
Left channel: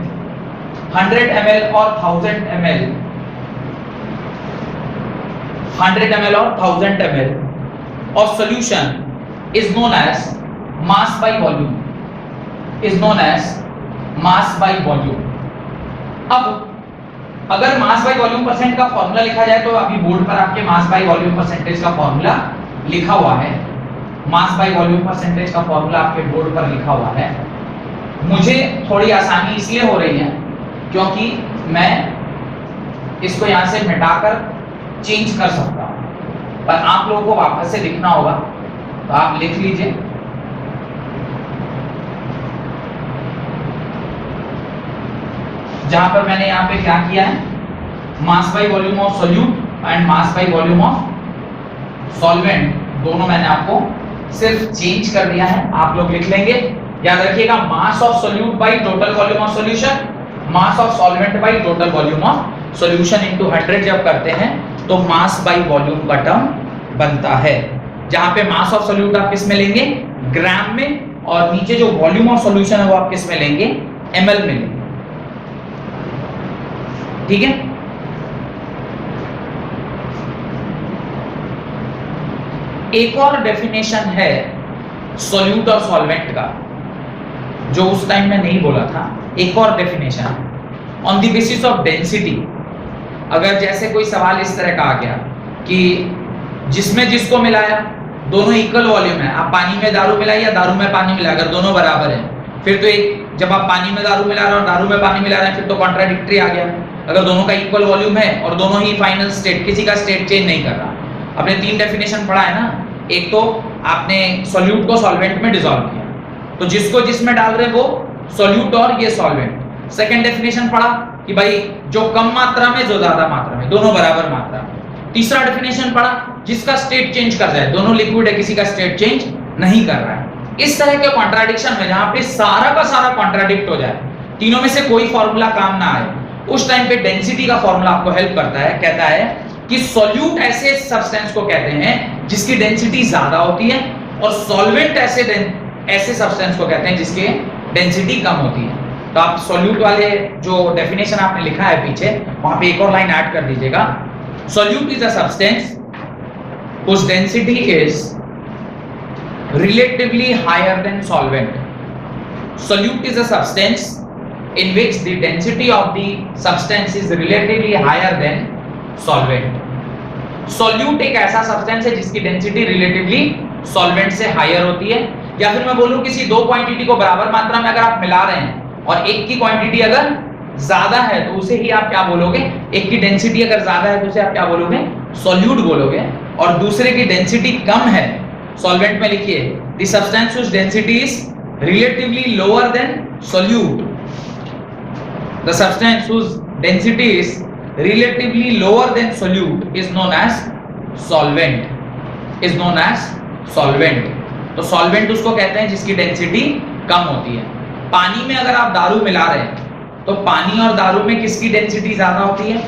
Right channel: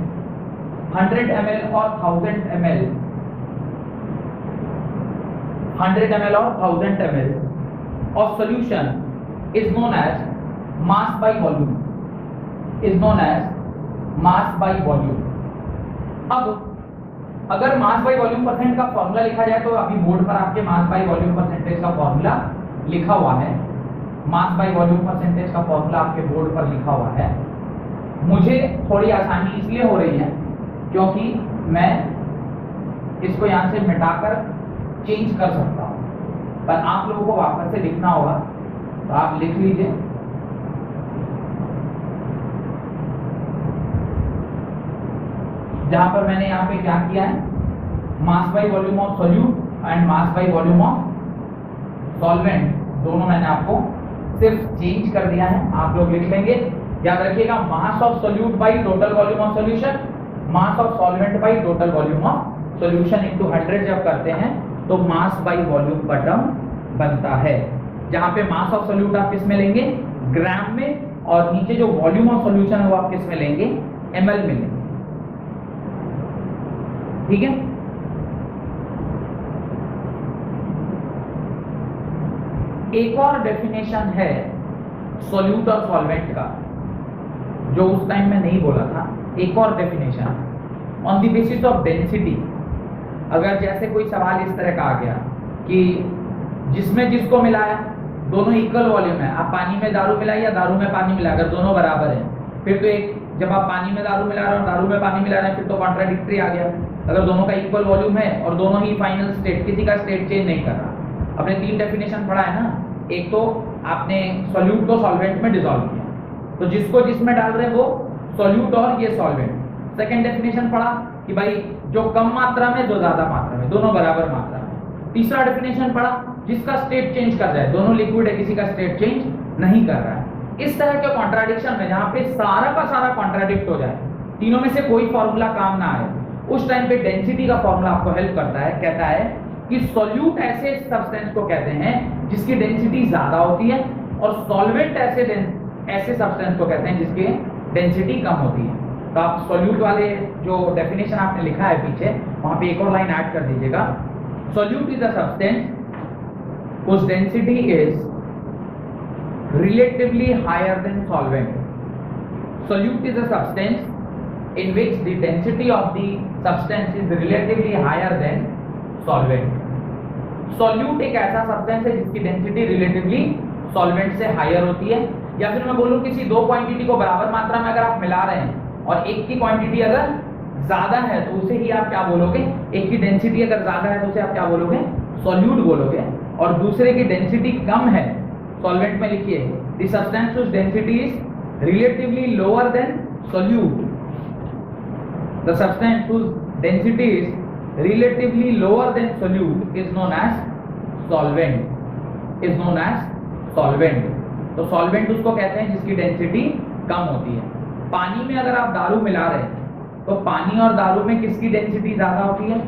100 ml और 1000 ml. 100 ml और 1000 ml of solution is known as mass by volume, is known as mass by volume. अब अगर मास बाय वॉल्यूम परसेंट का फॉर्मूला लिखा जाए तो अभी बोर्ड पर आपके मास बाय वॉल्यूम परसेंटेज का फॉर्मूला लिखा हुआ है। मास बाय वॉल्यूम परसेंटेज का फॉर्मूला आपके बोर्ड पर लिखा हुआ है। मुझे थोड़ी आसानी इसलिए हो रही है क्योंकि मैं इसको यहां से मिटाकर चेंज कर सकता हूं, पर आप लोगों को वापस से लिखना होगा, तो आप लिख लीजिए जहां पर मैंने यहां पे क्या किया है, मास by volume of solute and mass by volume of solvent, दोनों मैंने आपको सिर्फ चेंज कर दिया है। आप लोग लिख लेंगे, याद रखिएगा mass of solute bye total volume of solution, mass of solvent bye total volume of solution into 100 जब करते हैं तो मास बाय वॉल्यूम का टर्म बनता है, जहां पे मास ऑफ सॉल्यूट आप किस में लेंगे? ग्राम में, और नीचे जो वॉल्यूम ऑफ सॉल्यूशन है वो आप किस में लेंगे? ml में लेंगे। ठीक है? एक और डेफिनेशन है सॉल्यूट और सॉल्वेंट का, जो उस टाइम में नहीं बोला था, एक और definition on the basis of density. अगर जैसे कोई सवाल इस तरह का आ गया कि जिसमें जिसको मिलाया दोनों इक्वल वॉल्यूम है, आप पानी में दारू मिलाइए या दारू में पानी मिलाइए, अगर दोनों बराबर हैं फिर तो एक, जब आप पानी में दारू मिला रहे हो और दारू में पानी मिला रहे हैं फिर तो कॉन्ट्राडिक्टरी आ गया। अगर दोनों का इक्वल वॉल्यूम है और दोनों ही फाइनल स्टेट, किसी का स्टेट चेंज नहीं कर रहा। आपने 3 डेफिनेशन पढ़ा है ना, एक तो आपने सॉल्यूट को सॉल्वेंट में डिसॉल्व किया, तो जिसको जिसमें डाल रहे हैं वो सॉल्यूट और ये सॉल्वेंट। सेकंड डेफिनेशन पढ़ा कि भाई जो कम मात्रा में जो ज्यादा मात्रा में, दोनों बराबर मात्रा में। तीसरा डेफिनेशन पढ़ा जिसका स्टेट चेंज कर जाए, दोनों लिक्विड है किसी का स्टेट चेंज नहीं कर रहा है। इस तरह के कॉन्ट्राडिक्शन में जहां पे सारा का सारा कॉन्ट्राडिक्ट हो जाए, तीनों में से कोई फॉर्मूला काम ना आए, उस टाइम पे डेंसिटी का फॉर्मूला आपको हेल्प करता है। कहता है कि सॉल्यूट ऐसे सब्सटेंस को कहते हैं जिसकी डेंसिटी ज्यादा होती है, और सॉल्वेंट ऐसे सब्सटेंस को कहते हैं जिसकी डेंसिटी कम होती है। तो आप सॉल्यूट वाले जो डेफिनेशन आपने लिखा है पीछे, वहां पे एक और लाइन ऐड कर दीजिएगा। Solute is a substance whose density is relatively higher than solvent. Solute is a substance in which the density of the substance is relatively higher than solvent. Solute एक ऐसा सब्सटेंस है जिसकी डेंसिटी रिलेटिवली सॉल्वेंट से हायर होती है। या फिर मैं बोलूं किसी दो क्वांटिटी को बराबर मात्रा में अगर आप मिला रहे हैं और एक की क्वांटिटी अगर ज्यादा है तो उसे ही आप क्या बोलोगे, एक की डेंसिटी अगर ज्यादा है तो उसे आप क्या बोलोगे, सॉल्यूट बोलोगे, और दूसरे की डेंसिटी कम है, सॉल्वेंट में लिखिए the substance whose density is relatively lower than solute. The substance whose density is relatively lower than solute is known as solvent. Is known as solvent. तो सॉल्वेंट उसको कहते हैं जिसकी डेंसिटी कम होती है। पानी में अगर आप दारू मिला रहे हैं तो पानी और दारू में किसकी डेंसिटी ज्यादा होती है,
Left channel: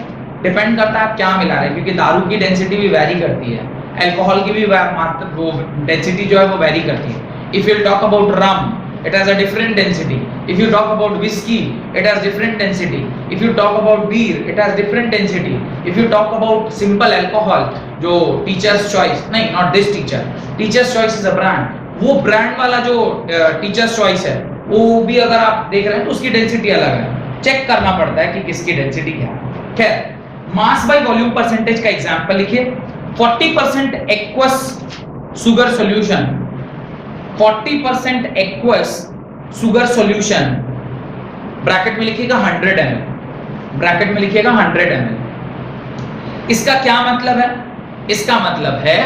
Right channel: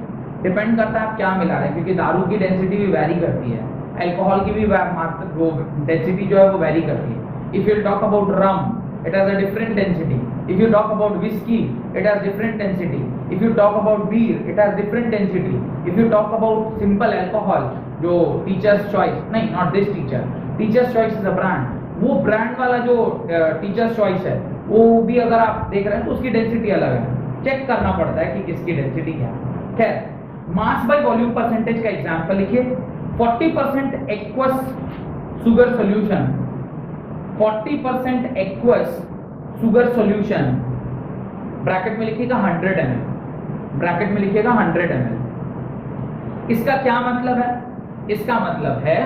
डिपेंड करता है आप क्या मिला रहे हैं, क्योंकि दारू की डेंसिटी भी वैरी करती है, अल्कोहल की भी वो डेंसिटी जो है वो वैरी करती है। If you talk about rum it has a different density. If you talk about whiskey it has different density. If you talk about beer it has different density. If you talk about simple alcohol जो teacher's choice, नहीं, not this teacher, teacher's choice is a brand, वो ब्रांड वाला जो टीचर्स चॉइस है वो भी अगर आप देख रहे हैं तो उसकी डेंसिटी अलग है, चेक करना पड़ता है कि किसकी डेंसिटी क्या है। खैर, मास बाय वॉल्यूम परसेंटेज का एग्जांपल लिखिए। 40% aqueous sugar solution, 40% aqueous sugar solution, bracket में लिखिएगा 100 ml, ब्रैकेट में लिखिएगा 100 ml। इसका क्या मतलब है, इसका मतलब है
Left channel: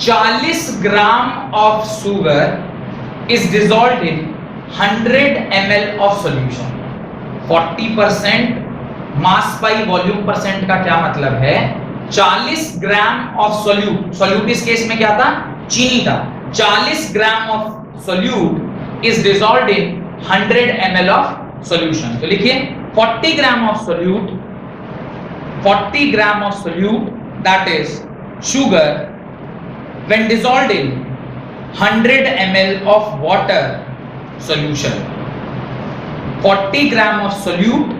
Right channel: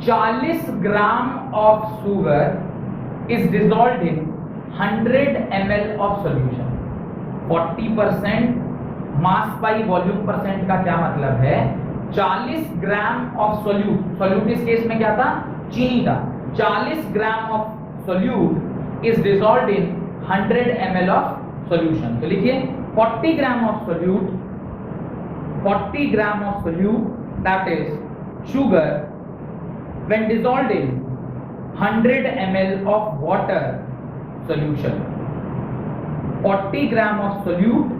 40 gram of sugar is dissolved in 100 ml of solution. 40% mass by volume percent का क्या मतलब है, 40 ग्राम ऑफ सॉल्यूट, सॉल्यूट इस केस में क्या था, चीनी था, 40 gram of solute is dissolved in 100 ml of solution. तो लिखिए 40 gram of solute, 40 gram of solute that is sugar when dissolved in 100 ml of water solution. 40 gram of solute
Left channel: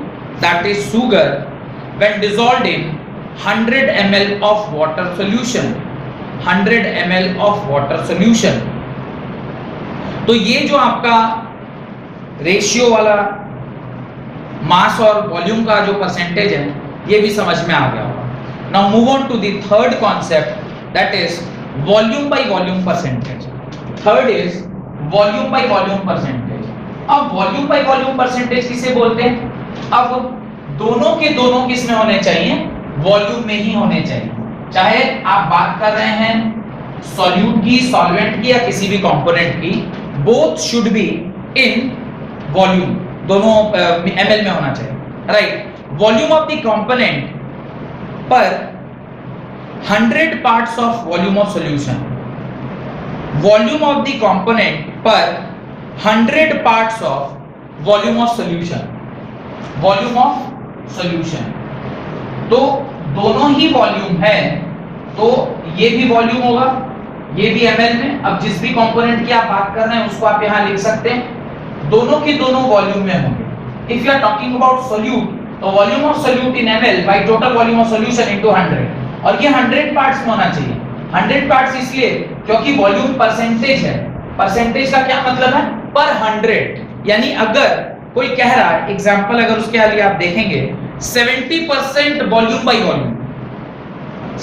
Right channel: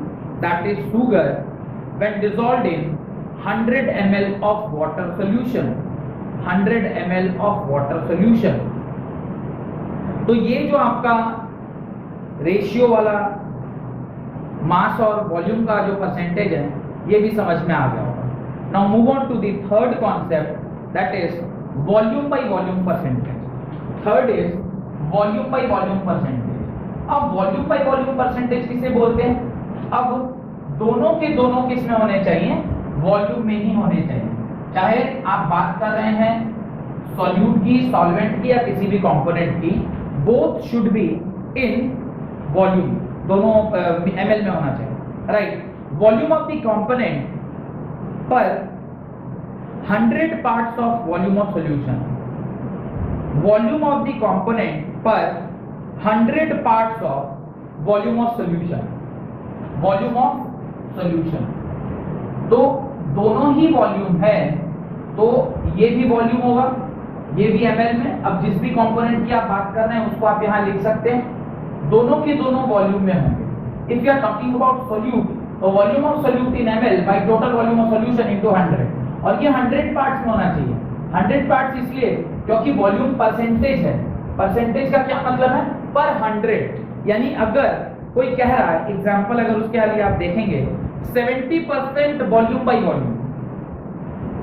that is sugar when dissolved in 100 ml of water solution. 100 ml of water solution. तो ये जो आपका रेशियो वाला मास और वॉल्यूम का जो परसेंटेज है ये भी समझ में आ गया होगा। Now move on to the third concept that is volume by volume percentage. Third is volume by volume percentage. अब वॉल्यूम बाय वॉल्यूम परसेंटेज किसे बोलते हैं, अब दोनों के दोनों किस में होने चाहिए, वॉल्यूम में ही होने चाहिए। चाहे आप बात कर रहे हैं सॉल्यूट की, सॉल्वेंट की या किसी भी कंपोनेंट की, both should be in volume, दोनों ml में होना चाहिए, right. Volume of the component पर 100 parts of volume of solution, volume of the component per 100 parts of volume of solution, volume of solution। तो दोनों ही वॉल्यूम है तो ये भी वॉल्यूम होगा, ये भी ml में। अब जिस भी कंपोनेंट की आप बात कर रहे हैं उसको आप यहां लिख सकते हैं, दोनों के दोनों वॉल्यूम में होंगे। If you are talking about solute तो volume of solute in ml by total volume of solution into 100, और ये 100 पार्ट्स में होना चाहिए। 100 पार्ट्स इसलिए क्योंकि वॉल्यूम परसेंटेज है, परसेंटेज का क्या मतलब है, पर 100, यानी अगर कोई कह रहा है, एग्जाम्पल अगर उसके लिए आप देखेंगे 70% वॉल्यूम बाय वॉल्यूम,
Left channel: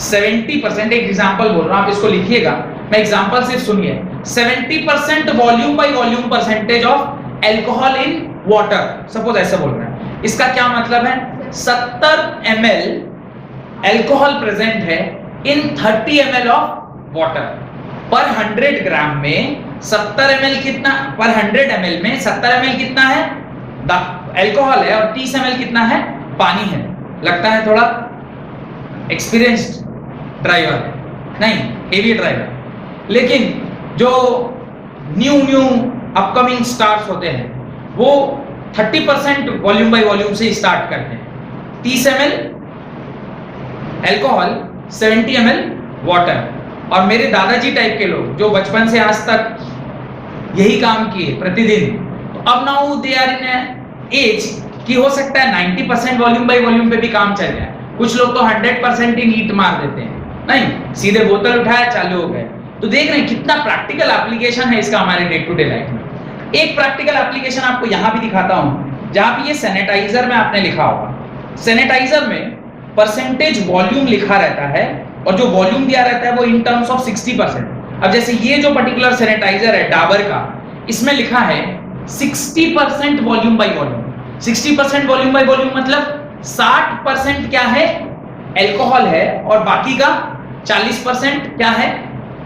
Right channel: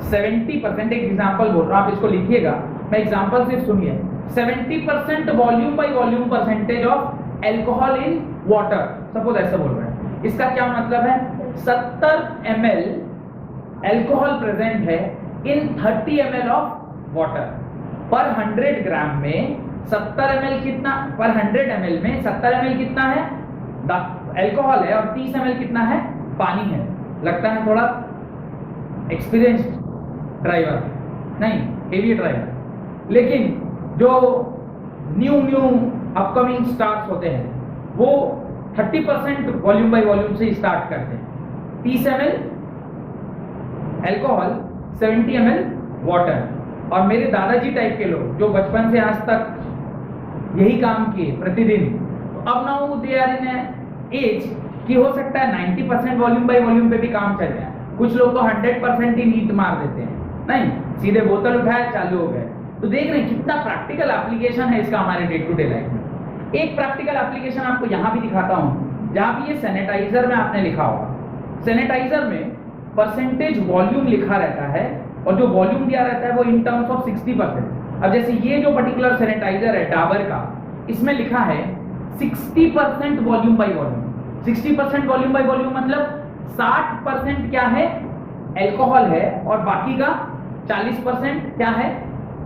70%, एक एग्जाम्पल बोल रहा हूं, आप इसको लिखिएगा, मैं एग्जाम्पल सिर्फ सुनिए, 70% volume by volume percentage of alcohol in water, suppose ऐसे बोल रहे हैं, इसका क्या मतलब है, 70 ml एल्कोहल प्रेजेंट है इन 30 ml ऑफ वाटर। पर 100 ग्राम में 70 ml कितना, पर 100 ml में 70 ml कितना है, एल्कोहल है, और 30 ml कितना है, पानी है। लगता है थोड़ा एक्सपीरियंस्ड ड्राइवर, नहीं हेवी ड्राइवर, लेकिन जो न्यू अपकमिंग स्टार्स होते हैं वो 30% वॉल्यूम बाय वॉल्यूम से स्टार्ट करते हैं, 30 ml एल्कोहल, 70 ml वाटर। और मेरे दादाजी टाइप के लोग जो बचपन से आज तक यही काम किए प्रतिदिन, तो अब now they are in age कि हो सकता है 90% वॉल्यूम बाय वॉल्यूम पे भी काम चल जाए। कुछ लोग तो 100% ही नीट मार देते हैं, नहीं सीधे बोतल उठाया चालू हो गए। तो देख रहे हैं कितना प्रैक्टिकल एप्लीकेशन है इसका हमारे डे टू डे लाइफ में। एक प्रैक्टिकल एप्लीकेशन आपको यहाँ भी दिखाता हूँ, जहाँ पे ये सैनिटाइजर में आपने लिखा होगा, सैनिटाइजर में परसेंटेज वॉल्यूम लिखा रहता है और जो वॉल्यूम दिया रहता है वो इन टर्म्स ऑफ 60%। अब जैसे ये जो पर्टिकुलर सैनिटाइजर है डाबर का, इसमें लिखा है 60% volume by volume. 60% volume by volume मतलब 60% क्या है, एल्कोहल है, और बाकी का 40% क्या है,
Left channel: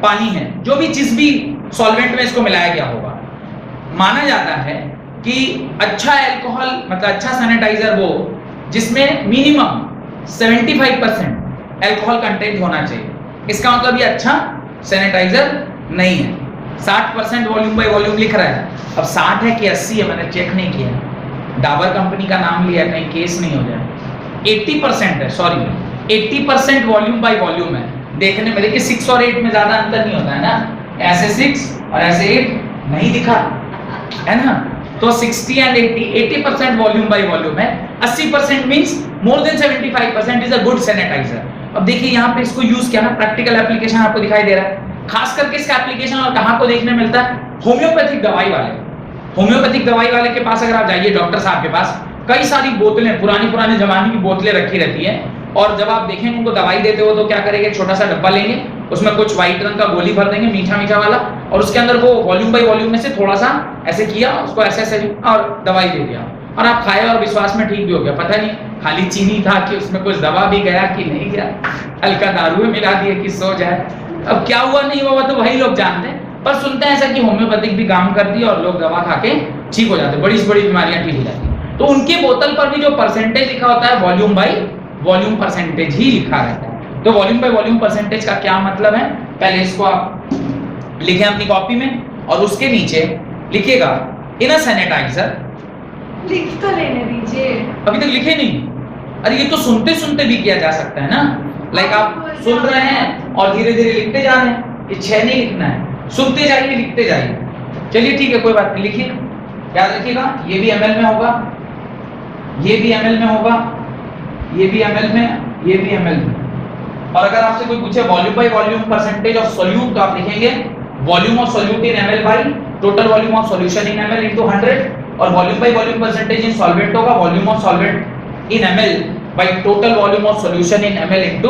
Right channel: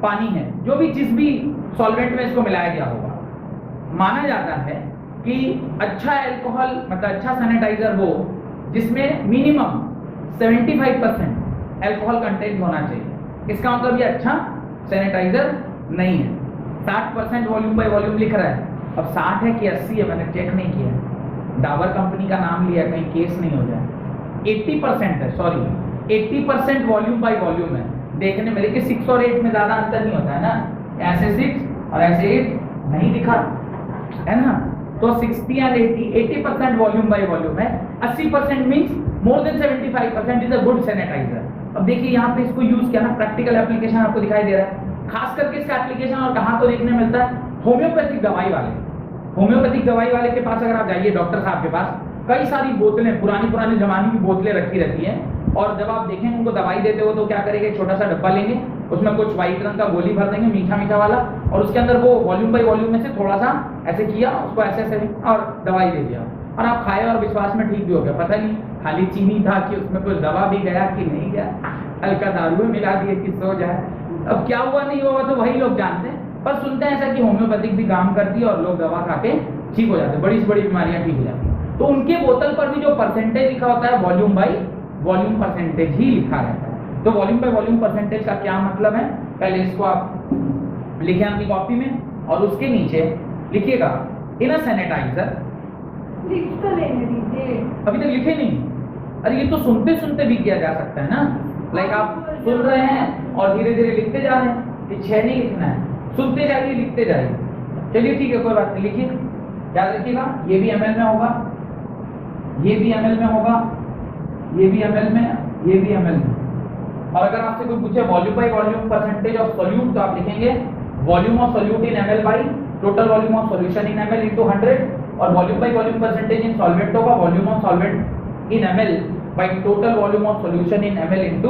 पानी है। जो भी जिस भी सॉल्वेंट में इसको मिलाया गया होगा, माना जाता है कि अच्छा एल्कोहल मतलब अच्छा सैनिटाइजर वो जिसमें मिनिमम 75% एल्कोहल कंटेंट होना चाहिए। इसका मतलब ये अच्छा सैनिटाइजर नहीं है। 60% वॉल्यूम बाय वॉल्यूम लिख रहा है, अब 60 है कि 80 है मैंने चेक नहीं किया, डाबर कंपनी का नाम लिया, कहीं केस नहीं हो जाए। 80% है, सॉरी 80% वॉल्यूम बाय वॉल्यूम है। देखने में देखिए 6 और 8 में ज्यादा अंतर नहीं होता है ना, ऐसे 6 और ऐसे 8 नहीं दिखा है ना। तो 60 एंड 80% वॉल्यूम बाय वॉल्यूम है। 80% means more than 75% is a good sanitiser. अब देखिए यहाँ पे इसको यूज किया ना, प्रैक्टिकल एप्लीकेशन आपको दिखाई दे रहा है। खास करके इसका एप्लीकेशन और कहाँ को देखने मिलता है, होम्योपैथिक दवाई वाले, होम्योपैथिक दवाई वाले के पास अगर आप जाइए, डॉक्टर साहब के पास, कई सारी बोतलें पुरानी जमाने की बोतलें रखी रहती है, और जब आप देखेंगे उनको दवाई देते हो तो क्या करेंगे, छोटा सा डब्बा लेंगे, उसमें कुछ व्हाइट रंग का गोली भर देंगे मीठा वाला, और उसके अंदर वो वॉल्यूम बाय वॉल्यूम में से थोड़ा सा ऐसे किया, उसको ऐसे और दवाई दे दिया, और आप खाए और विश्वास में ठीक भी हो गया। पता नहीं खाली चीनी था कि उसमें कुछ दवा भी गया कि नहीं गया, हल्का दारू में मिला दिए कि सो जाए। अब क्या हुआ नहीं हुआ तो वही लोग जानते हैं, पर सुनते हैं ऐसा कि होम्योपैथिक भी काम करती है और लोग दवा खा के ठीक हो जाते हैं, बड़ी बीमारियां ठीक हो जाती हैं। तो उनके बोतल पर भी जो परसेंटेज लिखा होता है वॉल्यूम बाय वॉल्यूम परसेंटेज ही लिखा रहता है। तो वॉल्यूम बाय वॉल्यूम परसेंटेज का क्या मतलब है, पहले इसको आप लिखें अपनी कॉपी में, और उसके नीचे लिखिएगा इन अ सैनिटाइजर। लिख तो लेने दीजिए, अभी तक लिखे नहीं, अरे ये तो सुनते सुनते भी किया जा सकता है ना, लाइक आप सुन रहे हैं और धीरे धीरे लिखते जा रहे हैं, ये 6 नहीं लिखना है, सुनते जाइए लिखते जाइए। चलिए ठीक है, कोई बात नहीं, लिखिए, याद रखिएगा ये भी ml में होगा, ये भी ml में होगा, ये भी ml में, ये भी ml में। और अगर आपसे कोई पूछे volume by volume percentage of solute, तो आप लिखेंगे volume of solute in ml by total volume of solution in ml into 100, और volume by volume percentage in solvent होगा volume of solvent in ml by total volume of solution in ml into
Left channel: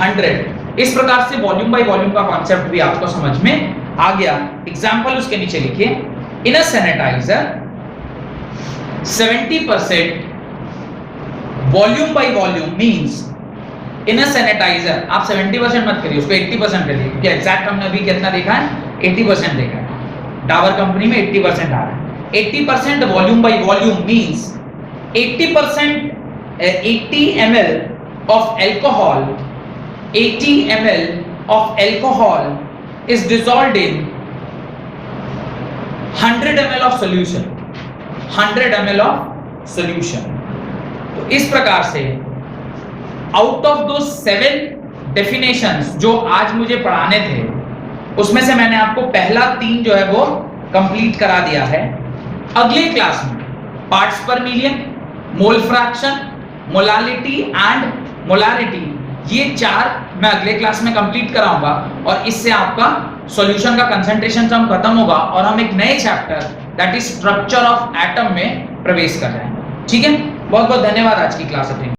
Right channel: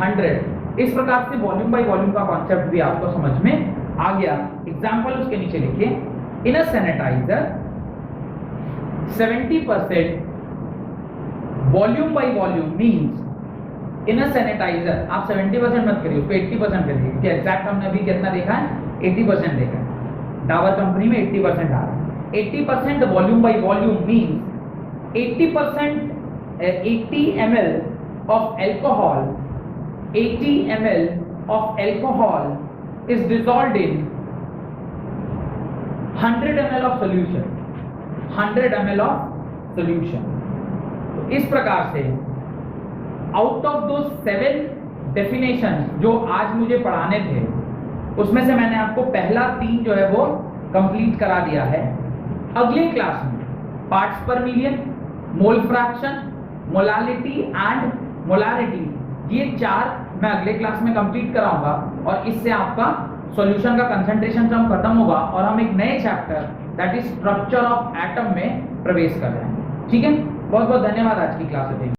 100। इस प्रकार से वॉल्यूम बाय वॉल्यूम का कॉन्सेप्ट भी आपको समझ में आ गया। एग्जांपल उसके नीचे लिखिए, in a sanitiser 70% volume by volume means in a sanitiser, आप 70% मत करिए, उसको 80% करिए, क्योंकि एग्जैक्ट हमने अभी कितना देखा है, 80% देखा है। डाबर कंपनी में 80% आ रहा है। 80% volume by volume means 80% 80 ml of alcohol, 80 ml of alcohol is dissolved in 100 ml of solution, 100 ml of solution। तो इस प्रकार से आउट ऑफ दो 7 डेफिनेशंस जो आज मुझे पढ़ाने थे, उसमें से मैंने आपको पहला 3 जो है वो कंप्लीट करा दिया है। अगले क्लास में पार्ट्स पर million, mole fraction, molality and molarity, ये 4 मैं अगले क्लास में कंप्लीट कराऊंगा, और इससे आपका सॉल्यूशन का कंसंट्रेशन टर्म खत्म होगा और हम एक नए chapter that is structure of atom में प्रवेश कर जाएंगे। ठीक है, बहुत बहुत धन्यवाद आज की क्लास अटेंड